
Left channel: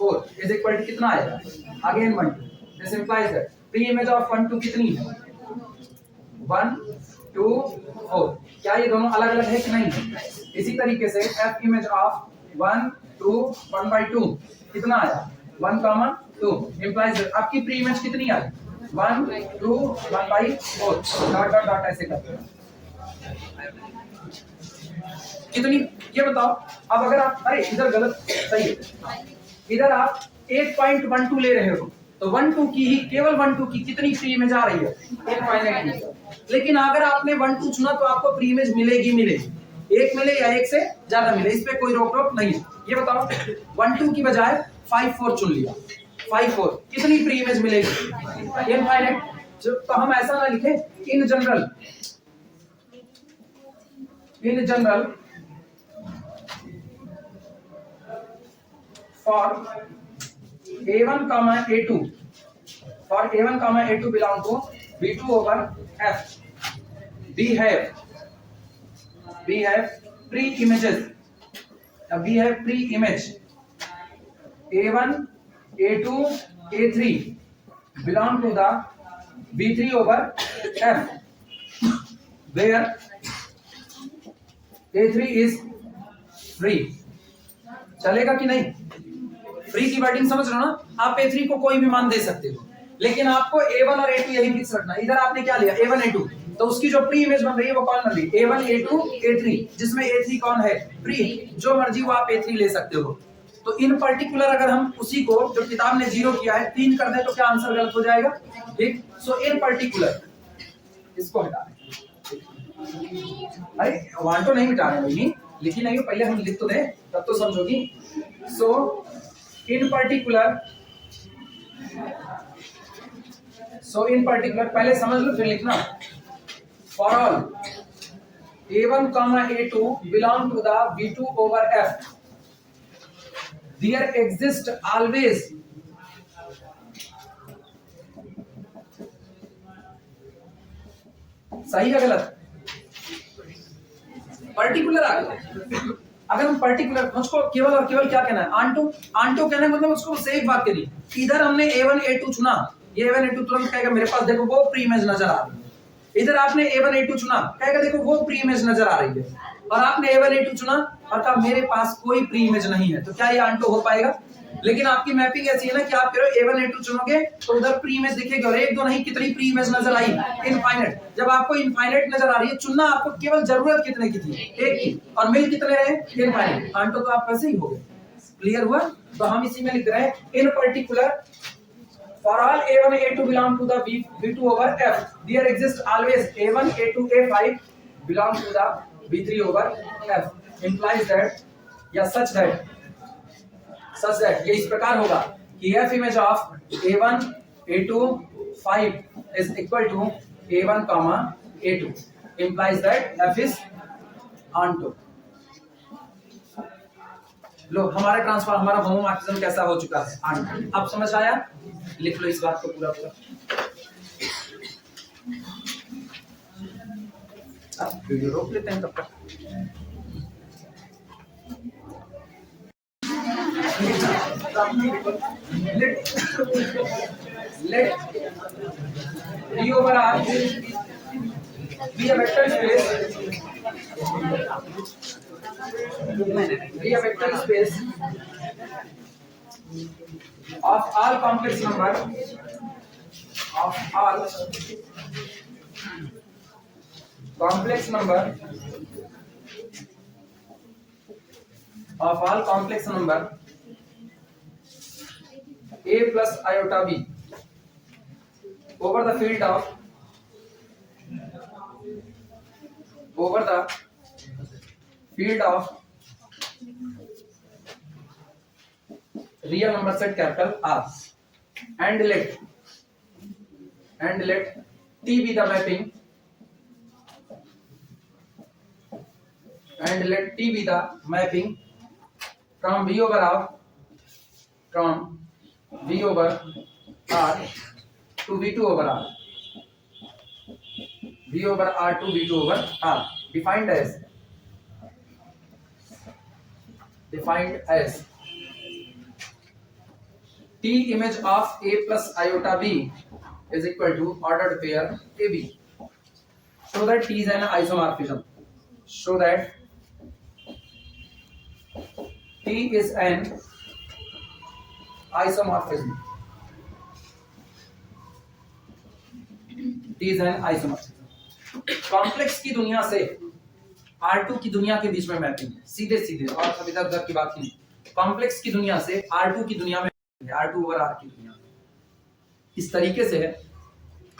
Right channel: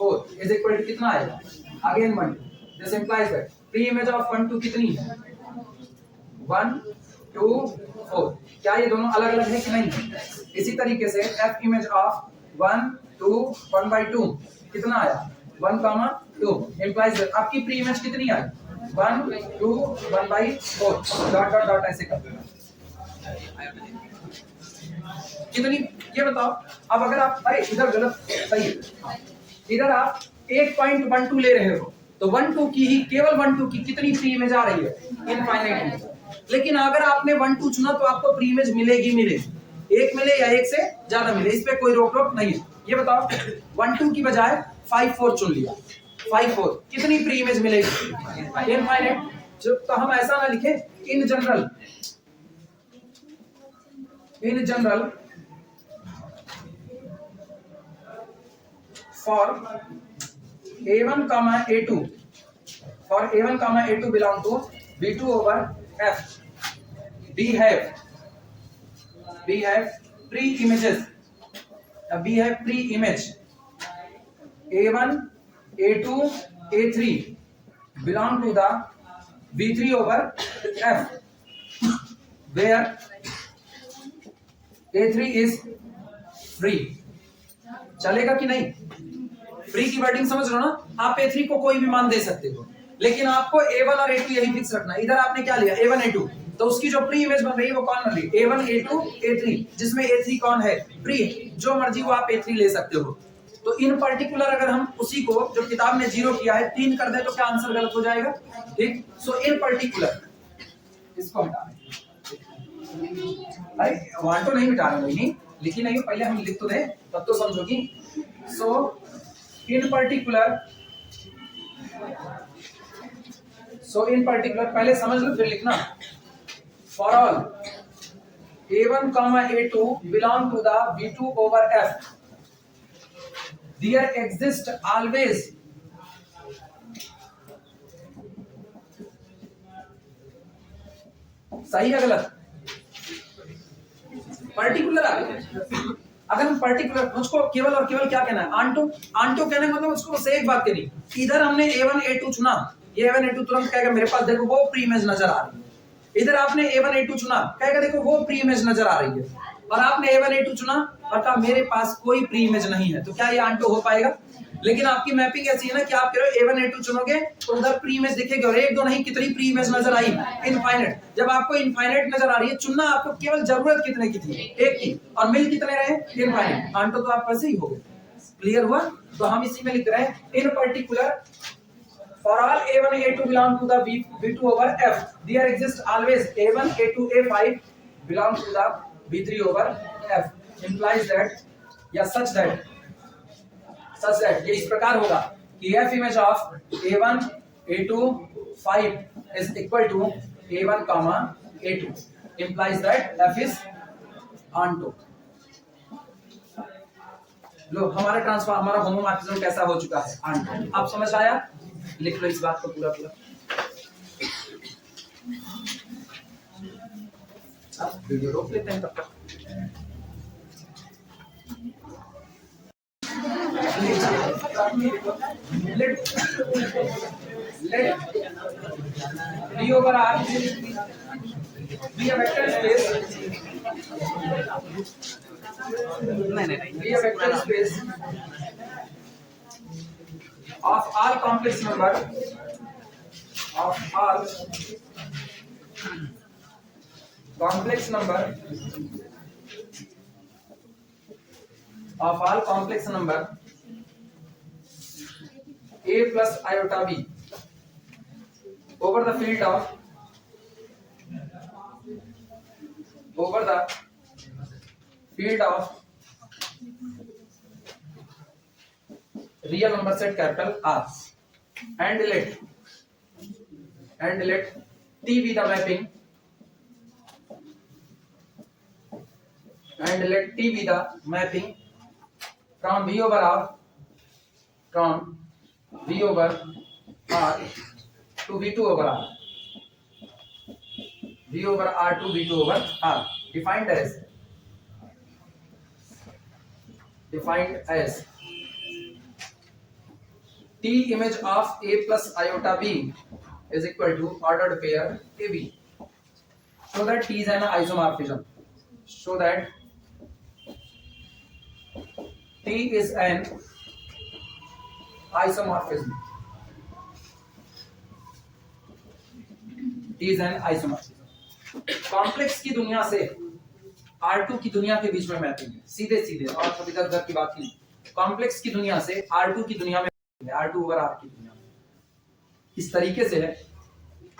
4 is equal to कितना आएगा, again 1 2, this implies that pre image of 1 2 कितनी है, 1 2 4। क्या ये दोनों अलग अलग है कि नहीं है? इसी तरीके से f इमेज ऑफ 1 2 1/2 कितना आया, 1, 2 इंप्लाइज दैट आपकी प्री इमेज कितनी आई, 1 2 1/4 डॉट डॉट डॉट ऐसे करते हैं कितनी, ये बताओ। अब अगर आप, अरे इधर गलत, सही है, इधर आप 8.12 ले रहे हो, तो 1 2 की ही, केवल 1 2 की कितनी प्री इमेज आ रही है, इनफाइनाइट। लेकिन अगर आपने 1 2 चुना तो आपको प्री इमेज मिलेगी, एक मिले या एक से ज्यादा मिले, इस पे कोई रोक टोक नहीं है। ये बताओ 1 2 की बजाय 5 4 चुन लिया, 5 4 कितनी प्री इमेज मिलेगी, इनफाइनाइट। तो हम ऐसा ना लिखे, in general for a1 a2 belong to b2 over f, we have pre-images, we have pre-image a1 a2 a3 belong to the b3 over f, where a3 is free। चलेगा कि नहीं, free की wording समझ रहे हो ना, आप a3 को कोई भी मान दे सकते हो, लेकिन आपको a1 और a2 यही फिक्स रखना है। इधर आपने क्या लिया, a1 a2, तो उसकी जो प्री इमेज बन रही है वो कौन बन रही है, a1 a2 a3, जिसमें a3 कौन है, प्री, जो मर्जी वो आप a3 ले सकते हो। तो इन पर्टिकुलर अगर हम उसी को जो किताब ने 0 किया है 3 कर दे तो क्या आंसर गलत हो जाएगा। ठीक, सो इन पर्टिकुलर इसको हटा दें। अरे वन तो नहीं मिटा रहे भाई, लिखी नहीं हो, पहले हम लिख तो दें तब तो समझोगी। सो इन पर्टिकुलर पहले समझ लो फिर लिखना। For all a1 a2 belong to the b2 over f, there exist always सही है गलत, पर्टिकुलर आ गया। अगर हम पर्टिकुलर, मुझको केवल और केवल क्या कहना है, आंटो कहना है, मतलब उसको बस एक बात कहनी। इधर हमने a1 a2 चुना, ये a1 a2 तुरंत कहेगा मेरे पास देखो वो प्री इमेज नजर आ रही है। इधर आपने a1 a2 चुना, कहेगा देखो वो प्री इमेज नजर आ रही है। और आपने a1 a2 चुना और कहा मेरे पास कोई प्री इमेज नहीं है, तो क्या ये आंटो हो पाएगा? लेकिन आपकी मैपिंग ऐसी है ना कि आप कह रहे हो a1 a2 चुनोगे तो उधर प्री इमेज दिखेगी, और एक दो नहीं कितनी प्री इमेज नजर आई, इनफाइनाइट। जब आपको इनफाइनाइट नजर आ रही है, चुनना आपको केवल जरूरत कितने की थी, एक की, और मिल कितने रहे, इनफाइनाइट। आंटो तो आप वैसे ही हो गए। क्लियर हुआ? तो हम इसी में लिख रहे हैं इन particular for all a1 a2 belong to the b2 over f, there exists always a1 a2 a5 belong to the b3 over f, implies that या such that ये इस प्रकार होगा कि f image of a1 a2 5 is equal to a1 a2, implies that f is onto। लो हमारा transfer, हमारा homomorphism कैसा हो चुका है आंटो। अब समझ आया, लिख लो इस बात को पूरा पूरा। वीडियो रोक लेते हैं तब तक। let D over R be a vector space, be a vector space of all complex number, of all complex number, of all complex number a plus iota b over the field of, over the field of real number set capital R, and let T be the mapping, and let T be the mapping from V over R, from V over R to V2 over R, V over R to V2 over R, defined as T image of A plus iota B is equal to ordered pair AB, so that T is an isomorphism, so that T is an isomorphism, T is an isomorphism। Complex की दुनिया से R2 की दुनिया के बीच में mapping है, सीधे सीधे, और सब इधर उधर की बात नहीं। कॉम्प्लेक्स की दुनिया से R2 की दुनिया में, R2 ओवर R की दुनिया में। इस तरीके से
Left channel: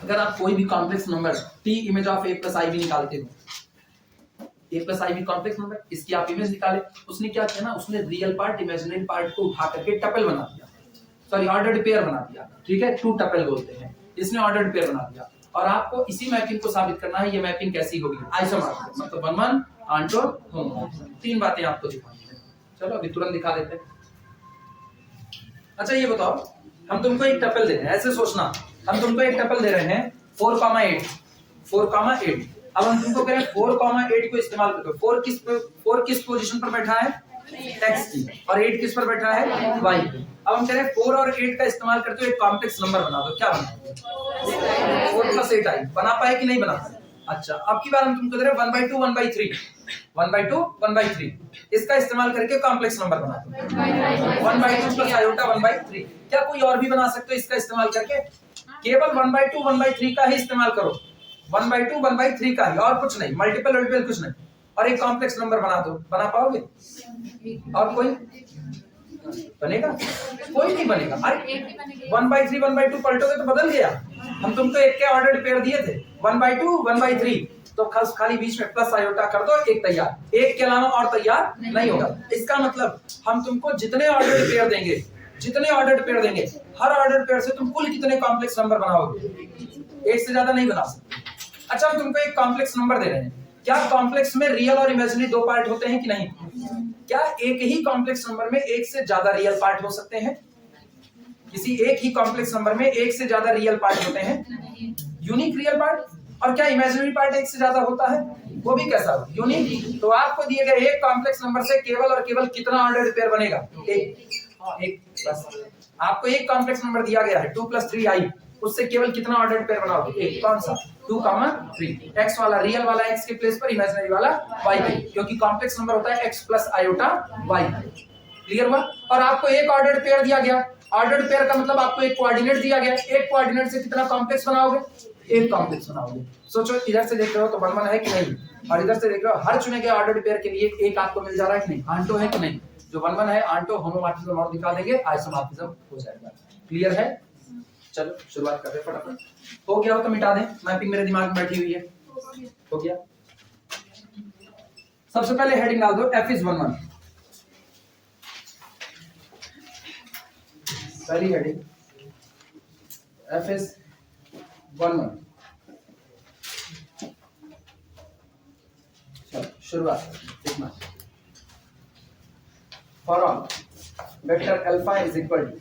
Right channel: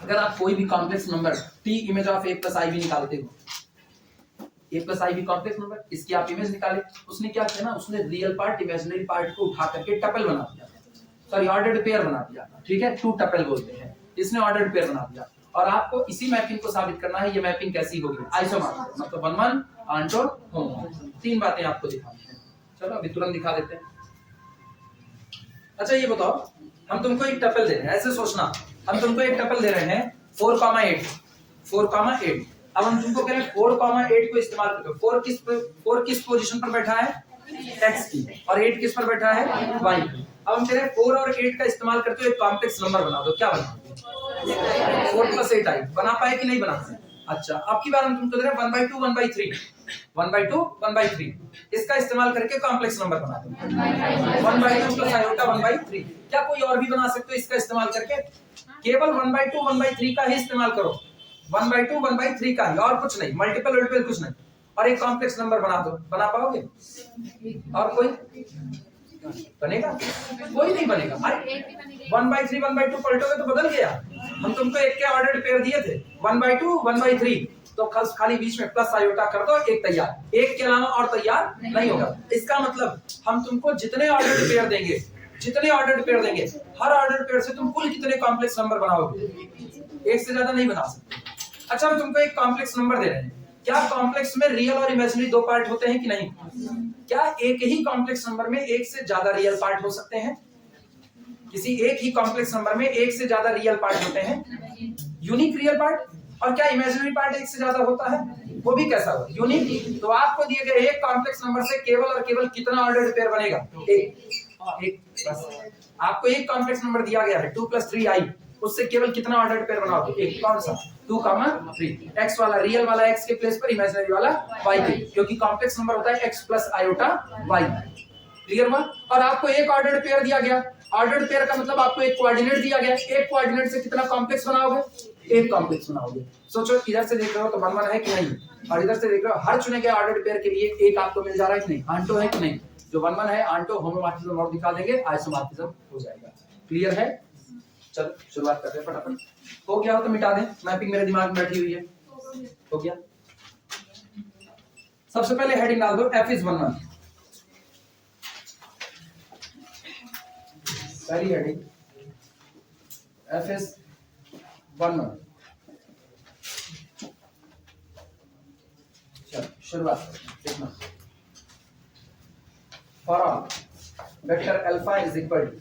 अगर आप कोई भी complex number T image of A plus i b निकालते हो, A plus i b complex number, इसकी आप इमेज निकाले, उसने क्या किया ना, उसने रियल पार्ट इमेजिनरी पार्ट को उठा करके टपल बना दिया, सॉरी ऑर्डर्ड पेयर बना दिया, ठीक है, टू टपल बोलते हैं, इसने ऑर्डर्ड पेयर बना दिया। और आपको इसी मैपिंग को साबित करना है, ये मैपिंग कैसी होगी, आइसोमॉर्फिज्म, मतलब 1 1 आंटो होमोमॉर्फिज्म। तीन बातें आपको दिखानी है, चलो अभी तुरंत दिखा देते हैं। अच्छा ये बताओ, हम तुमको एक टपल दे रहे हैं, ऐसे सोचना, हम तुमको एक टपल दे रहे हैं 4,8, 4,8। अब हम तुमको कह रहे हैं 4,8 को इस्तेमाल करते हो। 4 किस पोजीशन पर बैठा है, x की, और 8 किस पर बैठा है, y की। अब हम कह रहे हैं 4 और 8 का इस्तेमाल करते हुए एक कॉम्प्लेक्स नंबर बना दो, क्या बना दो, 4 + 8 आई। बना पाए कि नहीं बना पाए? अच्छा, अब की बार हम तुमको दे रहे हैं 1/2 1/3, 1/2 1/3, इसका इस्तेमाल करके कॉम्प्लेक्स नंबर बना दो, 1/2 + आयोटा 1/3। क्या कोई और भी बना सकते हो इसका इस्तेमाल करके? केवल 1/2 1/3 का ही इस्तेमाल करो, 1/2 1/3 का ही, और कुछ नहीं, मल्टीपल कुछ नहीं, और एक कॉम्प्लेक्स नंबर बना दो। बना पाओगे? और कोई बनेगा? कोई नहीं बनेगा। अरे 1/3 1/2 पलटोगे तो बदल गया। हम तुमको एक के ऑर्डर्ड पेयर दिए थे, 1/2 1/3, तो खाली बीच में प्लस आयोटा कर दो, एक तैयार। एक के अलावा और तैयार नहीं होगा। इसका मतलब हम तुमको जितने ऑर्डर्ड पेयर देंगे, हर ऑर्डर्ड पेयर से तुम कुल कितने कॉम्प्लेक्स नंबर बनाओगे? एक से ज्यादा नहीं बना सकते। अच्छा, हम तुमको एक कॉम्प्लेक्स नंबर दे रहे हैं, क्या कॉम्प्लेक्स में रियल और इमेजिनरी दो पार्ट होते हैं कि नहीं? क्या एक ही कॉम्प्लेक्स नंबर में एक से ज्यादा रियल पार्ट हो सकते हैं? किसी एक ही कॉम्प्लेक्स नंबर में एक से ज्यादा रियल पार्ट होते हैं, यूनिक रियल पार्ट। और क्या इमेजिनरी पार्ट एक से ज्यादा होता है? वो भी कैसा हो, यूनिक। तो आपको दिए गए एक कॉम्प्लेक्स नंबर से केवल और केवल कितना ऑर्डर्ड पेयर बनेगा? एक बस। आपको एक कॉम्प्लेक्स नंबर दिया गया है 2 + 3i, उससे केवल कितना ऑर्डर्ड पेयर बनाओगे? एक। कौन सा? 2, 3। x वाला, रियल वाला x के प्लेस पर, इमेजिनरी वाला y के, क्योंकि कॉम्प्लेक्स नंबर होता है x + आयोटा y। क्लियर हुआ? और आपको एक ऑर्डर्ड पेयर दिया गया। ऑर्डर्ड पेयर का मतलब आपको एक कोऑर्डिनेट दिया गया, एक कोऑर्डिनेट से कितना कॉम्प्लेक्स बनाओगे? एक कॉम्प्लेक्स बनाओगे। सोचो, इधर से देख रहे हो तो 1 1 है कि नहीं, और इधर से देख रहे हो, हर चुने गए ऑर्डर्ड पेयर के लिए एक आपको मिल जा रहा है कि नहीं? आंटो है कि नहीं? जो 1 1 है आंटो, होमोमॉर्फिज्म और दिखा देंगे, आइसोमॉर्फिज्म हो जाएगा। क्लियर है? चलो शुरुआत करते हैं फटाफट। हो गया हो तो मिटा दें, मैपिंग मेरे दिमाग में बैठी हुई है। हो गया? सबसे पहले हेडिंग डाल दो, f is 1 1। पहली हेडिंग, f is 1 1। चलो शुरुआत, देखना for all vector alpha is equal to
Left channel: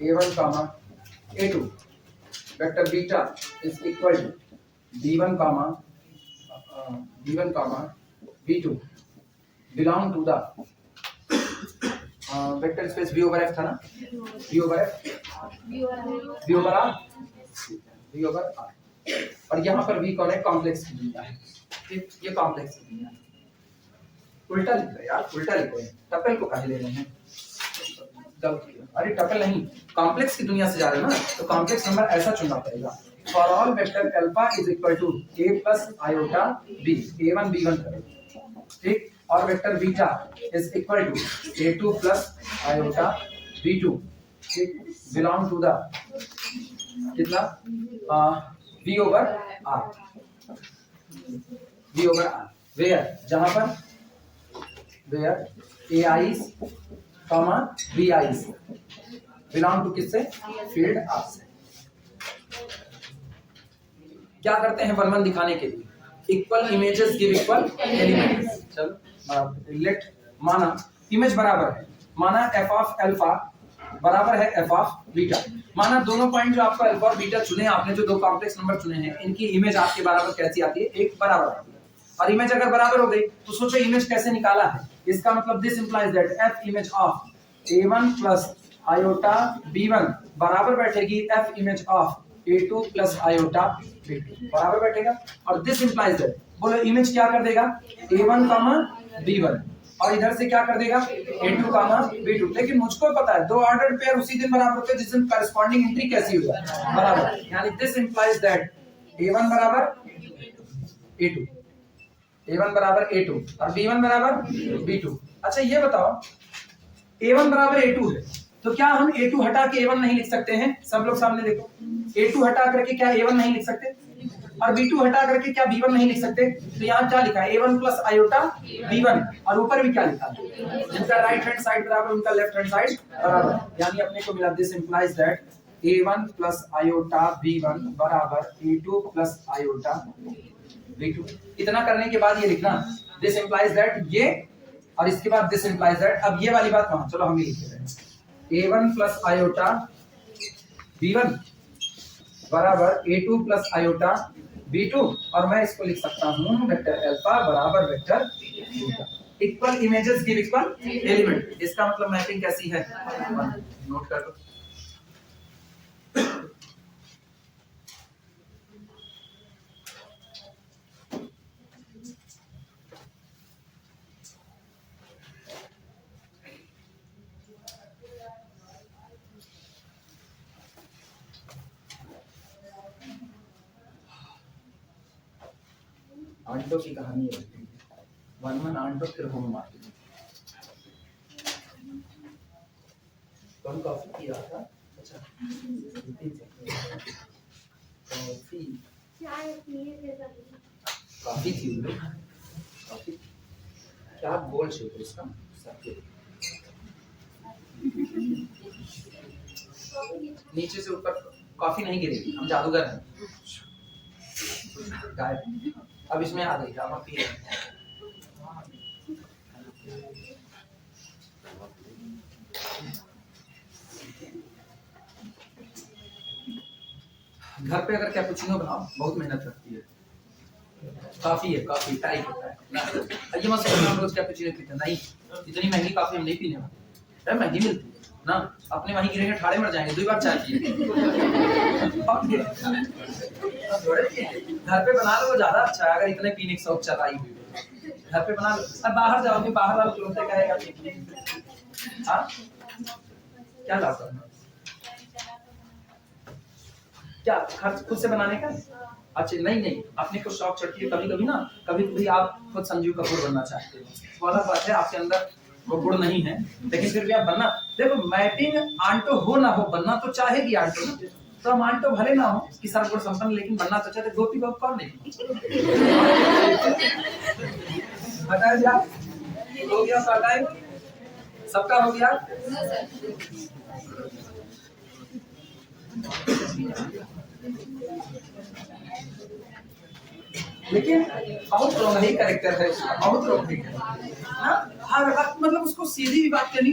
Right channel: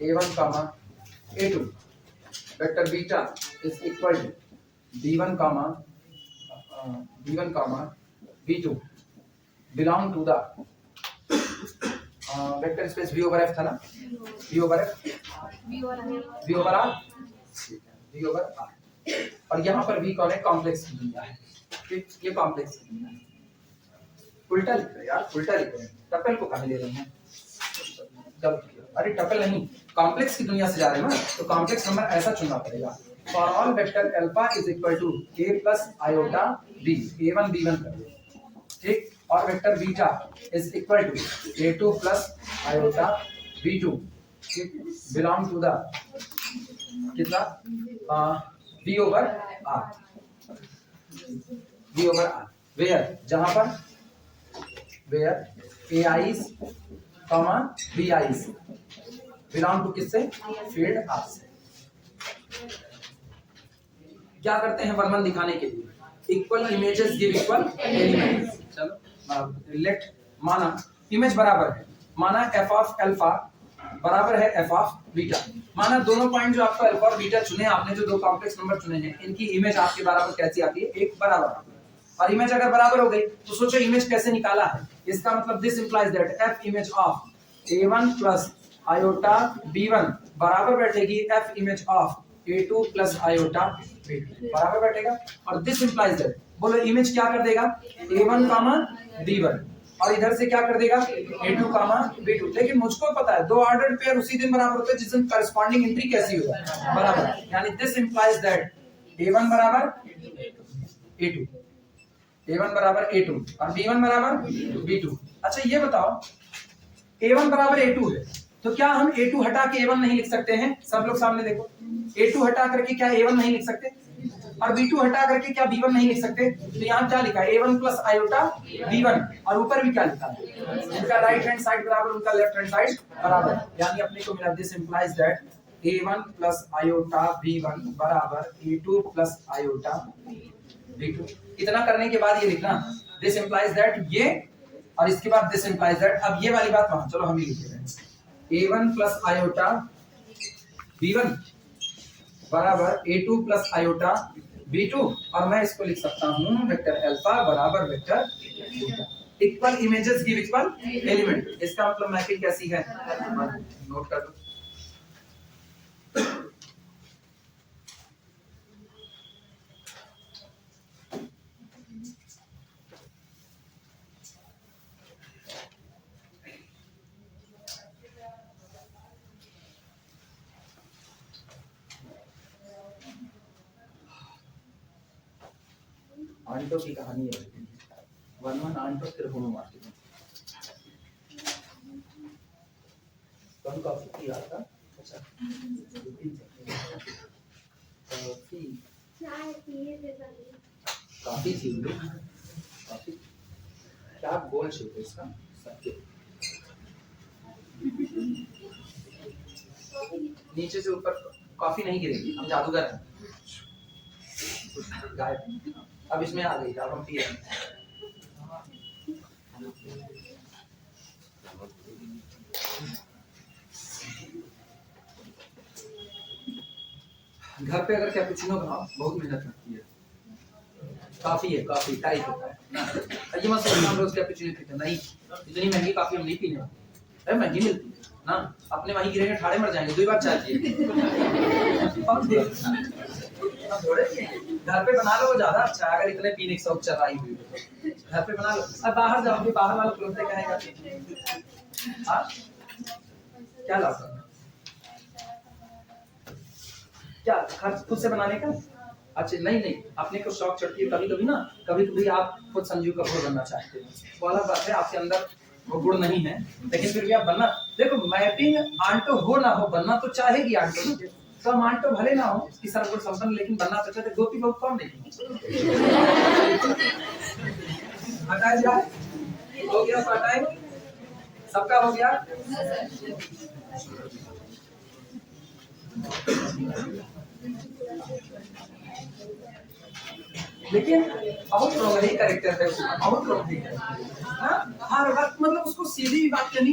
a1 comma a2, vector beta is equal to b1 comma b2 belong to the vector space v over f था ना, v over r, v over r, और यहाँ पर v कौन है, complex की दुनिया है, ठीक, ये कॉम्प्लेक्स की दुनिया है। उल्टा लिख रहे हैं यार, उल्टा लिख रहे हैं, टपल को कहाँ ले रहे हैं, अरे टपल नहीं, कॉम्प्लेक्स की दुनिया से जा रहे हैं ना, तो कॉम्प्लेक्स नंबर ऐसा चुनना पड़ेगा। For all vector alpha is equal to a plus iota b, a1 b1 करें, ठीक, और vector beta is equal to a2 plus iota b2, ठीक, बिलोंग टू द कितना v over r, v over r, where जहां पर where ai's comma bi's belong to किससे, field r से। क्या करते हैं वर्णन दिखाने के लिए, equal images give equal elements. चलो लेट, माना इमेज बराबर है, माना f ऑफ अल्फा बराबर है f ऑफ बीटा, माना दोनों पॉइंट जो आपका अल्फा और बीटा चुने आपने, जो दो कॉम्प्लेक्स नंबर चुने हैं, इनकी इमेज आपके बराबर कैसी आती है, एक बराबर आती है। और इमेज अगर बराबर हो गई तो सोचो इमेज कैसे निकाला है, इसका मतलब this implies that f image of a1 plus iota b1 बराबर बैठेगी f image of a2 plus iota b2 बराबर बैठेगा, और दिस इंप्लाइज दैट, बोलो इमेज क्या कर देगा, a1 कामा b1, और इधर से क्या कर देगा, a2 कामा b2। लेकिन मुझको पता है दो ऑर्डर्ड पेयर उसी दिन बराबर होते हैं जिस दिन कॉरेस्पॉन्डिंग एंट्री कैसी हो जाए, बराबर, यानी दिस इंप्लाइज दैट a1 बराबर a2, a1 बराबर a2 और b1 बराबर b2। अच्छा ये बताओ a1 बराबर a2 है, तो क्या हम a2 हटा के a1 नहीं लिख सकते हैं, सब लोग सामने देखो, a2 हटा करके क्या a1 नहीं लिख सकते, और b2 हटा करके क्या b1 नहीं लिख सकते, तो यहाँ क्या लिखा है, a1 प्लस आयोटा b1, और ऊपर भी क्या लिखा है, जिनका राइट हैंड साइड बराबर उनका लेफ्ट हैंड साइड बराबर, यानी अपने को मिला this implies that a1 plus iota b1 बराबर a2 प्लस आयोटा b2। इतना करने के बाद ये लिखना दिस इंप्लाइज दैट ये, और इसके बाद दिस इंप्लाइज दैट, अब ये वाली बात वहां, चलो हम ही लिख रहे हैं, a1 प्लस आयोटा b1 बराबर a2 प्लस आयोटा b2, और मैं इसको लिख सकता हूं वेक्टर अल्फा बराबर vector beta. Equal images give equal element, इसका मतलब मैपिंग कैसी है, नोट कर लो। आंटो की कहानी है, वन आंटो फिर होम मार्केटिंग, कम कॉफी पी रहा था, अच्छा कॉफी काफी थी काफी, क्या बोल सकते इसका सत्य, नीचे से ऊपर कॉफी नहीं गिरेगी, हम जादूगर हैं, गायब, अब इसमें आ गई, अब हम पी रहे हैं। घर पे अगर कैपुचिनो बनाओ बहुत मेहनत लगती है, काफी है, काफी टाइप होता है, ये मत समझो हम रोज कैपुचिनो पीते हैं, नहीं, इतनी महंगी काफी हम नहीं पीने वाले, महंगी मिलती है ना, अपने वहीं गिरेंगे ठाड़े मर जाएंगे, 2 बार चाय पिए। घर पे बना लो वो ज्यादा अच्छा है, अगर इतने पीने की शौक चलाई हुई घर पे बना लो, अब बाहर जाओगे बाहर वाला तुरंत कहेगा हाँ क्या लाभ, क्या खर्च खुद से बनाने का, अच्छा नहीं अपने को शौक चढ़ती है कभी कभी ना, कभी कभी आप खुद संजीव कपूर बनना चाहते हो, वाला बात है, आपके अंदर वो गुण नहीं है, लेकिन फिर भी आप बनना, देखो मैपिंग आंटो हो ना हो बनना तो चाहेगी आंटो, तो हम आंटो भले ना हो कि सर्वगुण संपन्न, लेकिन बनना तो चाहते, गोपी बहुत कौन नहीं हटाए जाए, हो गया तो हटाए, सबका हो गया, लेकिन बहुत रोंगही कैरेक्टर है, बहुत रोंगही है। हर वक्त मतलब उसको सीधी भी बात करनी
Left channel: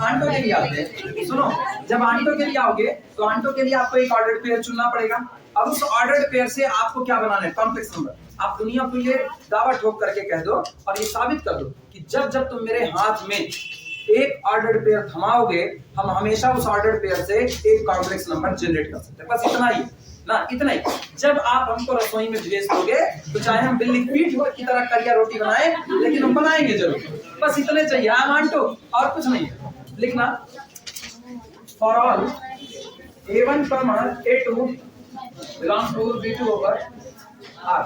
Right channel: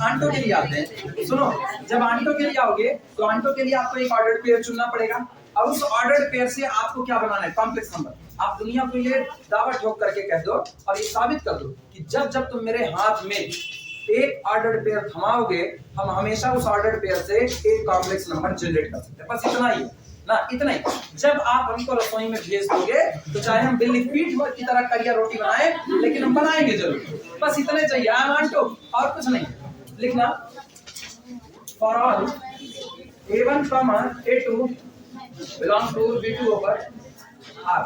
आंटो के लिए आते हैं। सुनो, जब आंटो के लिए आओगे तो आंटो के लिए आपको एक ऑर्डर्ड पेयर चुनना पड़ेगा। अब उस ऑर्डर्ड पेयर से आपको क्या बनाना है? Complex number. आप दुनिया को ये दावा ठोक करके कह दो और ये साबित कर दो कि जब जब तुम मेरे हाथ में एक ऑर्डर्ड पेयर थमाओगे, हम हमेशा उस ऑर्डर्ड पेयर से एक कॉम्प्लेक्स नंबर जनरेट कर सकते हैं। बस इतना ही ना, इतना ही। जब आप हमको रसोई में भेज दोगे तो चाहे हम बिल्ली पीठ की तरह करिया रोटी बनाए, लेकिन हम बनाएंगे जरूर। बस इतने चाहिए, आई वांट टू, और कुछ नहीं। लिखना for all A1, A2 belong to B2 over R।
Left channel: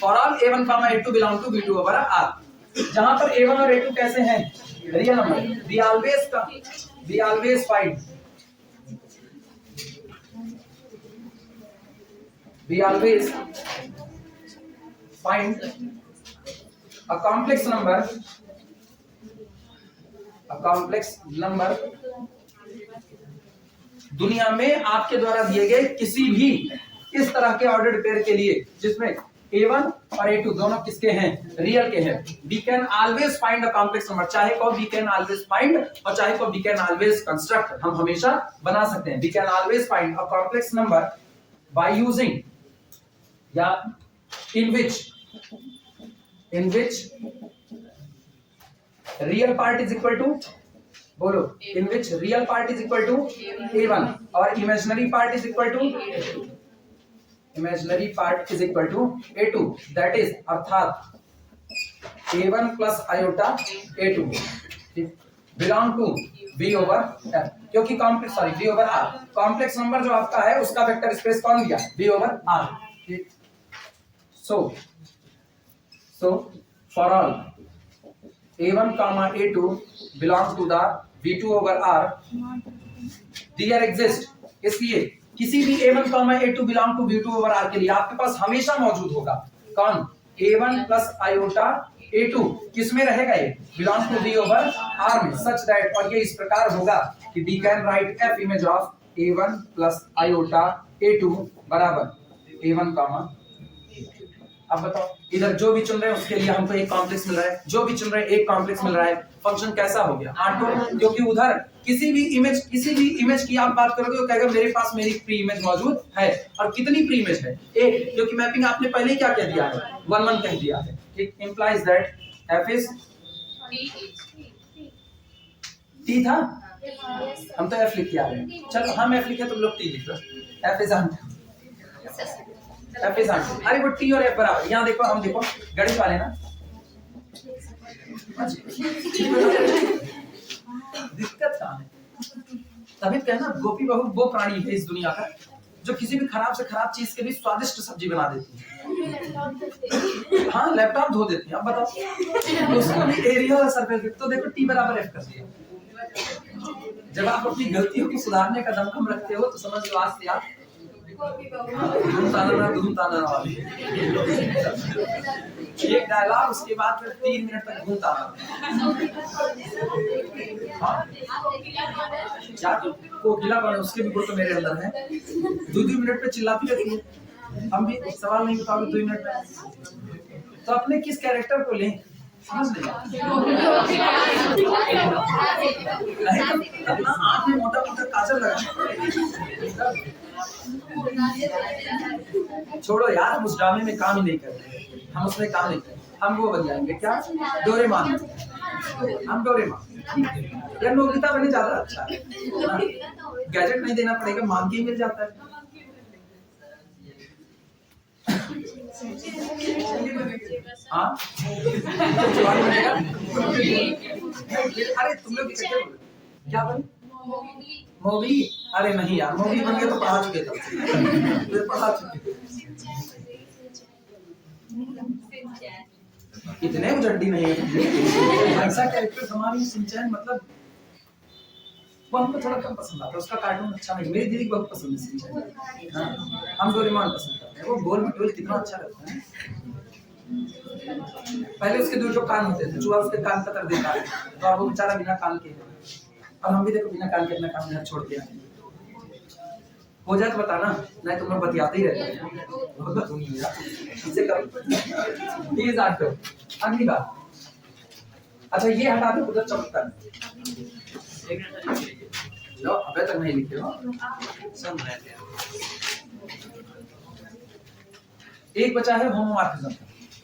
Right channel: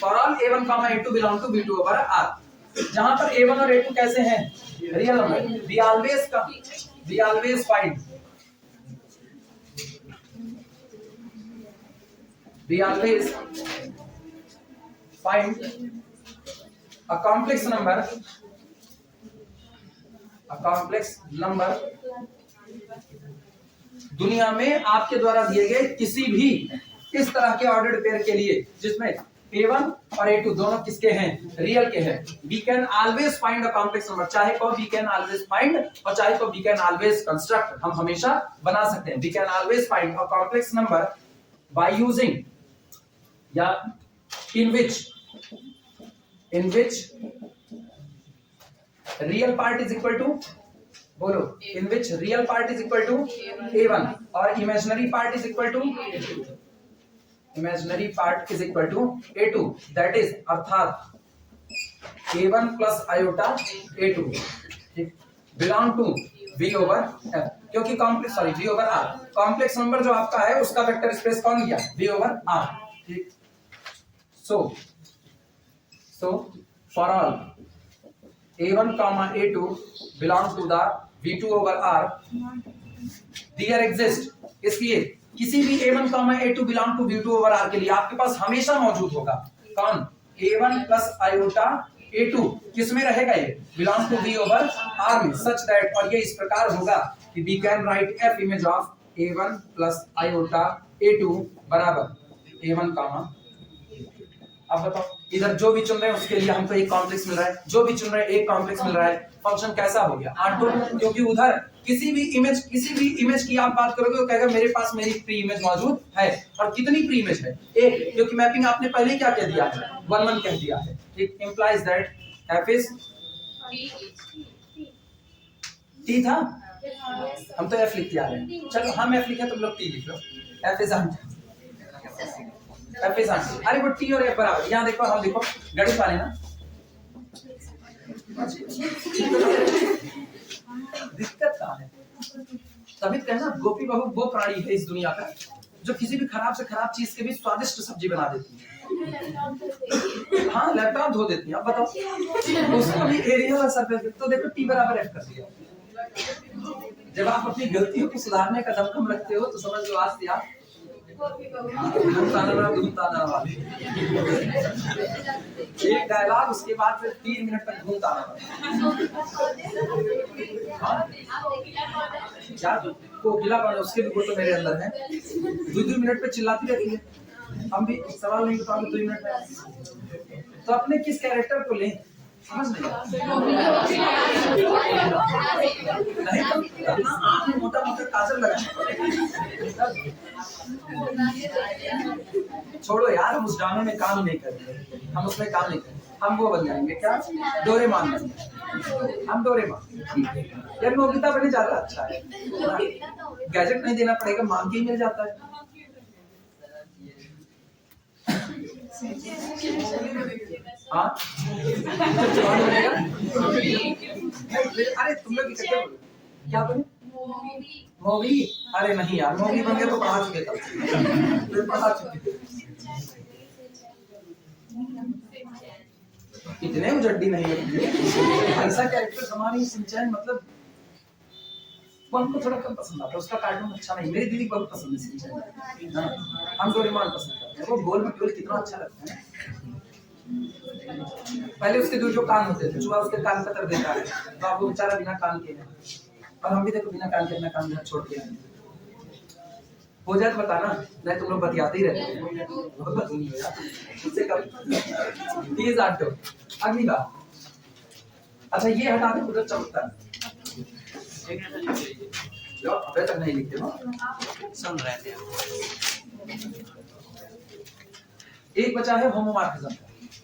For all A1, A2 belong to B2 over R। जहां पर A1 और A2 कैसे हैं? Real number. we always find a complex number दुनिया में आपके द्वारा दिए गए किसी भी इस तरह के ऑर्डर्ड पेयर के लिए जिसमें A1 और A2 दोनों किसके हैं? रियल के हैं। We can always find a complex number। चाहे को we can always find और चाहे को we can always construct, हम हमेशा बना सकते हैं। We can always find a complex number by using या in which real part is equal to, बोलो, in which real part is equal to A1 और imaginary part is equal to A2। that is अर्थात A1 plus iota A2 belong to V over F, क्योंकि V over R complex number जो आपका है उसका vector space कौन दिया? V over R। ठीक, so for all A1, A2 belong to the V2 over R, there exist, इसलिए किसी भी A1, A2 belong to V2 over R के लिए आपके पास हमेशा मौजूद होगा कौन? A1 plus iota A2 किसमें रहेगा? ये belong to V over R में, such that, और ये इस प्रकार होगा कि we can write F image of A1 plus iota A2 बराबर A1, अब बताओ, इधर जो भी चुन रहे हैं उसके लिए हमको एक कॉम्प्लेक्स मिल रहा है, जो भी चुन रहे हैं एक कॉम्प्लेक्स मिल रहा है। फंक्शन कैसा हो गया? आंटो, क्योंकि उधर किसी भी इमेज की आप बात करोगे वो कहेगा मेरे पास मेरी प्री इमेज मौजूद है। और कितनी प्री इमेज है? एक, क्योंकि मैपिंग आपने पहले क्या कह दिया है? 1 कह दिया है। It implies that F is T था, हम तो F लिखते आ रहे हैं। चलो हम F लिखे, तुम लोग T लिख लो। F is आंटो, अरे वो T और F बराबर। यहाँ देखो, हम देखो गणित वाले ना, दिक्कत कहाँ है? तभी कहना गोपी बहू वो प्राणी है इस दुनिया का जो किसी भी खराब से खराब चीज के भी स्वादिष्ट सब्जी बना देती है। हाँ, लैपटॉप धो देती है। अब बताओ, उसका भी एरिया और सर्कल, तो देखो T बराबर F कर दिया। जब आप अपनी गलतियों को सुधारने का दमखम रखते हो तो समझ लो आज से आप एक डायलॉग, उसके बाद फिर 3 मिनट तक घूमता क्या कोकिला बने, उसके भी गुण तो मेरे अंदर है। 2 मिनट पे चिल्लाती रहती है, हम भी सवाल नहीं बताओगे 2 मिनट में, तो अपने किस कैरेक्टर को लें? समझ नहीं, आँख में मोटा मोटा काजल लगा। छोड़ो यार, उस ड्रामे में काम ही नहीं करते, हम उसमें काम नहीं करते। हम वो बन जाएंगे क्या? डोरेमोन। हम डोरेमोन यार, नोबिता बने ज्यादा अच्छा है। गैजेट नहीं देना पड़ेगा, मांग के ही मिल जाता है। हाँ, अरे तुम लोग क्या बने? मूवी? अरे नहीं यार, मूवी बन गया तो पढ़ा चुके थे, पढ़ा चुके। इतने उजड्डी नहीं है ऐसा कैरेक्टर हमारी सिंचैन, मतलब वो हमको थोड़ा कम पसंद आता है, उसका कार्टून अच्छा नहीं। मेरी दीदी को बहुत पसंद है सिंचैन। हाँ, हम डोरेमोन पसंद करते हैं। वो गोल में गोल कितना अच्छा लगता है। पहले उसके 2 कान होते थे, चूहा उसके कान पतर देता है, तो अब वो बेचारा बिना कान के है। और हम भी देखो बिना काम के अपना काम घर छोड़ के आए। हो जाए तो बताना, नहीं तुम लोग बतियाते ही रहते हो, बहुत बतूनी हो यार। इससे कब प्लीज आट दो। अगली बात, अच्छा ये हटा दे, उधर चमकता है। लो अबे तक नहीं लिखते हो, सुन रहे थे। एक बचा है होमोमॉर्फिज्म,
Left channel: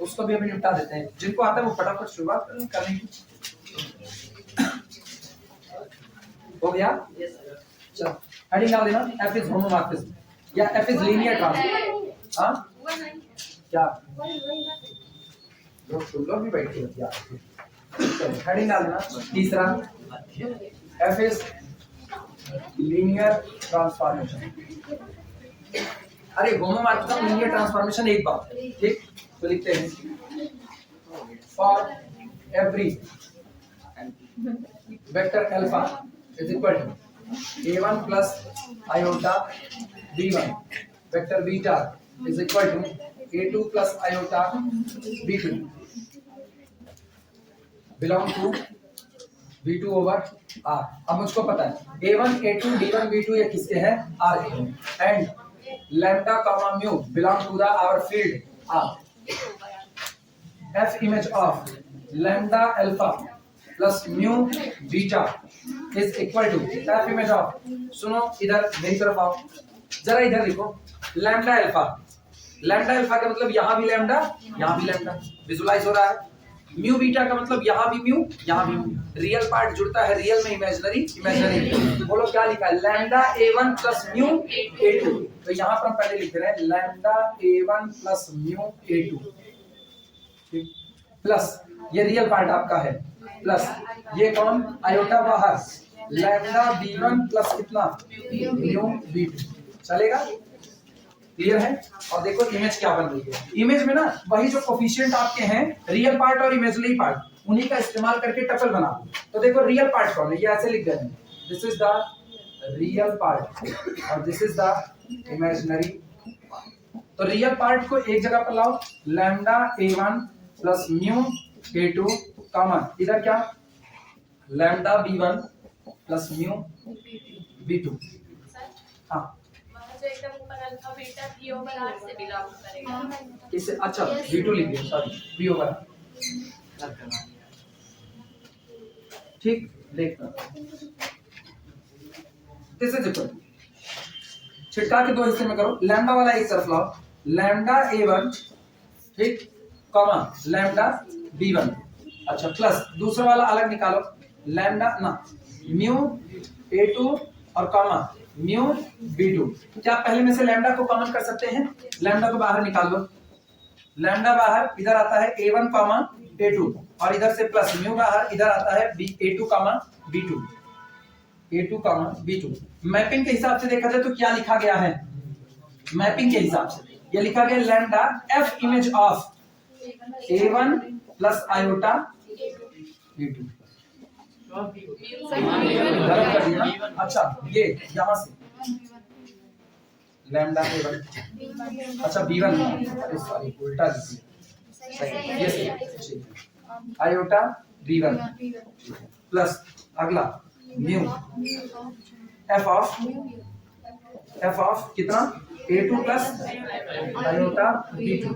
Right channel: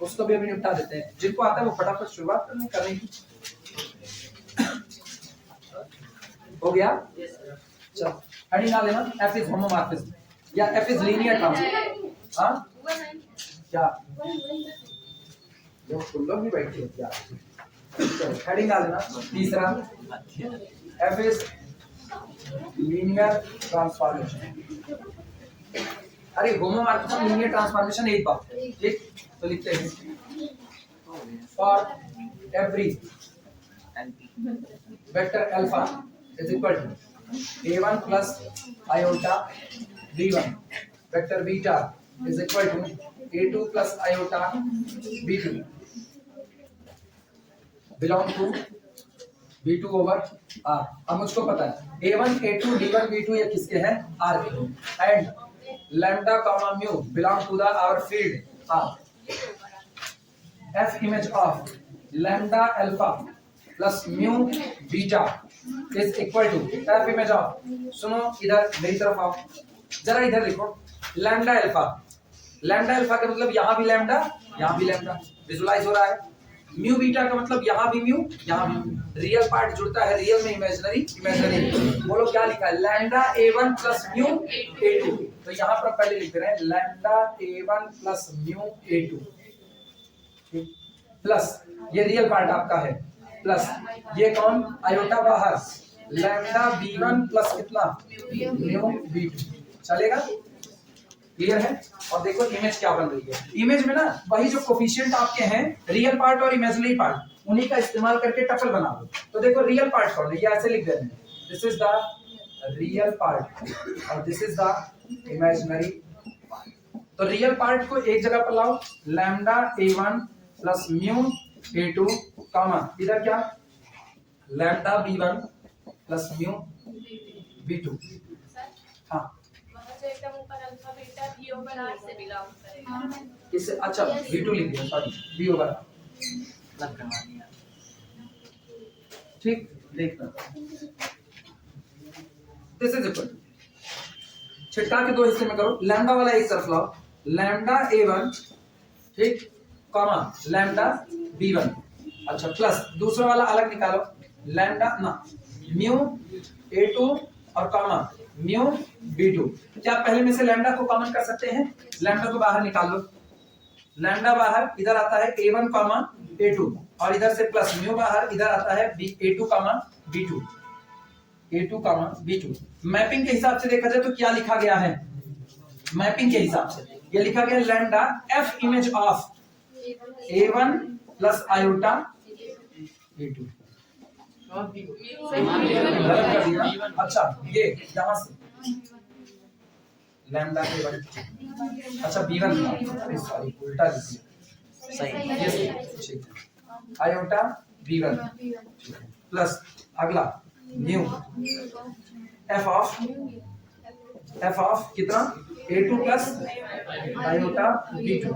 उसको भी अभी निपटा देते हैं। जिनको आता है वो फटाफट शुरुआत करने की। हो गया? चलो हेडिंग डाल देना, एफ इज होमोमॉर्फिज्म या एफ इज लीनियर ट्रांसफॉर्मेशन। हाँ क्या जो तुम लोग भी बैठे हो क्या? चलो हेडिंग डाल देना। तीसरा, एफ इज लीनियर ट्रांसफॉर्मेशन। अरे होमोमॉर्फिज्म लीनियर ट्रांसफॉर्मेशन एक बात है, ठीक? तो लिखते हैं for every vector alpha is equal to a1 plus iota b1 vector beta is equal to a2 plus iota b2 belong to b2 over r। अब मुझको पता है a1 a2 d1 b2 ये किसके हैं? r के। And lambda comma mu belong to the our field r। f image of lambda alpha plus mu beta is equal to f image of, सुनो इधर मेरी तरफ आओ जरा, इधर लिखो लैम्डा अल्फा। लैम्डा अल्फा का मतलब यहाँ भी लैम्डा यहाँ भी लैम्डा विजुलाइज हो रहा है। म्यू बीटा का मतलब यहाँ भी म्यू यहाँ भी म्यू। रियल पार्ट जुड़ता है रियल में, इमेजिनरी इमेजिनरी। बोलो क्या लिखा है? Lambda a1 plus mu a2। तो यहाँ पर हम पहले लिख रहे हैं lambda a1 plus mu a2 plus ये रियल पार्ट आपका है, प्लस ये कौन? आयोटा बाहर, लैम्डा b1 प्लस कितना? Mu b2। चलेगा? क्लियर है? और देखो इमेज क्या बन रही है। इमेज में ना वही जो कोफिशिएंट आपके हैं रियल पार्ट और इमेजिनरी पार्ट, उन्हीं का इस्तेमाल करके टपल बना दो। तो देखो रियल पार्ट कौन है, ये ऐसे लिख देते हैं, this is the real part और this is the imaginary part. तो रियल पार्ट को एक जगह पर लाओ, lambda a1 plus mu a2 common, इधर क्या? Lambda b1 plus mu b2। हाँ जो एकदम ऊपर alpha beta v over r से बिलोंग करेगा। इसे अच्छा b2 लिख दिया, सॉरी b ओवर r। लग करवा दिया। ठीक, देखना दिस इज इक्वल, छिटका के दो हिस्से में करो। लैम्डा वाला एक तरफ लाओ, लैम्डा a1 ठीक कॉमा लैम्डा b1। अच्छा प्लस दूसरा वाला अलग निकालो, लैम्डा ना म्यू a2 और कॉमा म्यू b2। क्या पहले में से लैम्डा को कॉमन कर सकते हैं? लैम्डा को बाहर निकाल लो, लैम्डा बाहर, इधर आता है a1 कॉमा a2 और इधर से प्लस म्यू बाहर, इधर आता है a2 comma b2, a2 comma b2। Mapping के हिसाब से देखा जाए तो क्या लिखा गया है? मैपिंग के हिसाब से ये लिखा गया lambda f image of a1 plus iota a2। गलत कर दिया। अच्छा ये यहाँ से लैम्डा a1, अच्छा b1, अरे सॉरी उल्टा लिख दिया, सही आयोटा b1 प्लस अगला म्यू f ऑफ कितना? a2 plus iota b2।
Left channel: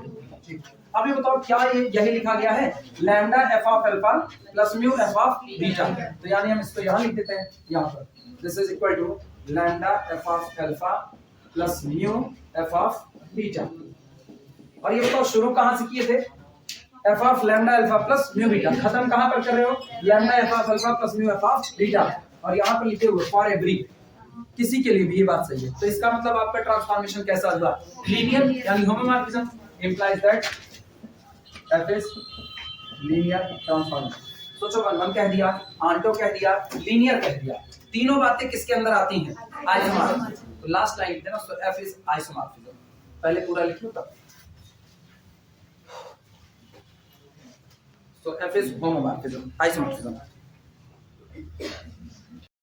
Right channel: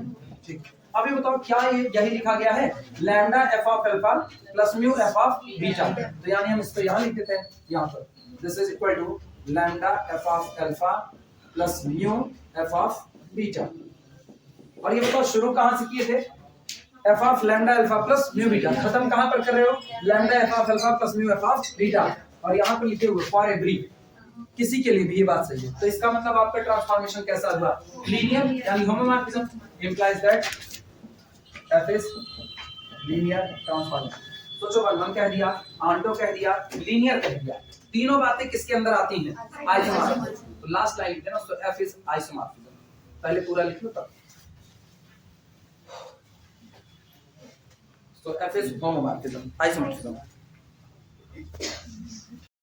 ठीक, अभी बताओ क्या ये यही लिखा गया है? Lambda f of alpha plus mu f of beta. तो यानी हम इसको यहाँ लिख देते हैं, यहाँ पर this is equal to lambda f of alpha plus mu f of beta. और ये बताओ शुरू कहाँ से किए थे? f of lambda alpha plus mu beta. खत्म कहाँ पर कर रहे हो? Lambda f of alpha plus mu f of beta. और यहाँ पर लिखे हुए फॉर एवरी, किसी के लिए भी ये बात सही है। तो इसका मतलब आपका ट्रांसफॉर्मेशन कैसा हुआ? लीनियर, यानी homomorphism implies that f is linear transformation। सोचो वन कह दिया, आंटो कह दिया, लीनियर कह दिया, तीनों बातें किसके अंदर आती हैं? आइसोमॉर्फिज्म। तो लास्ट लाइन लिख देना, so f is isomorphism। पहले पूरा लिख लो तब। so f is homomorphism, isomorphism।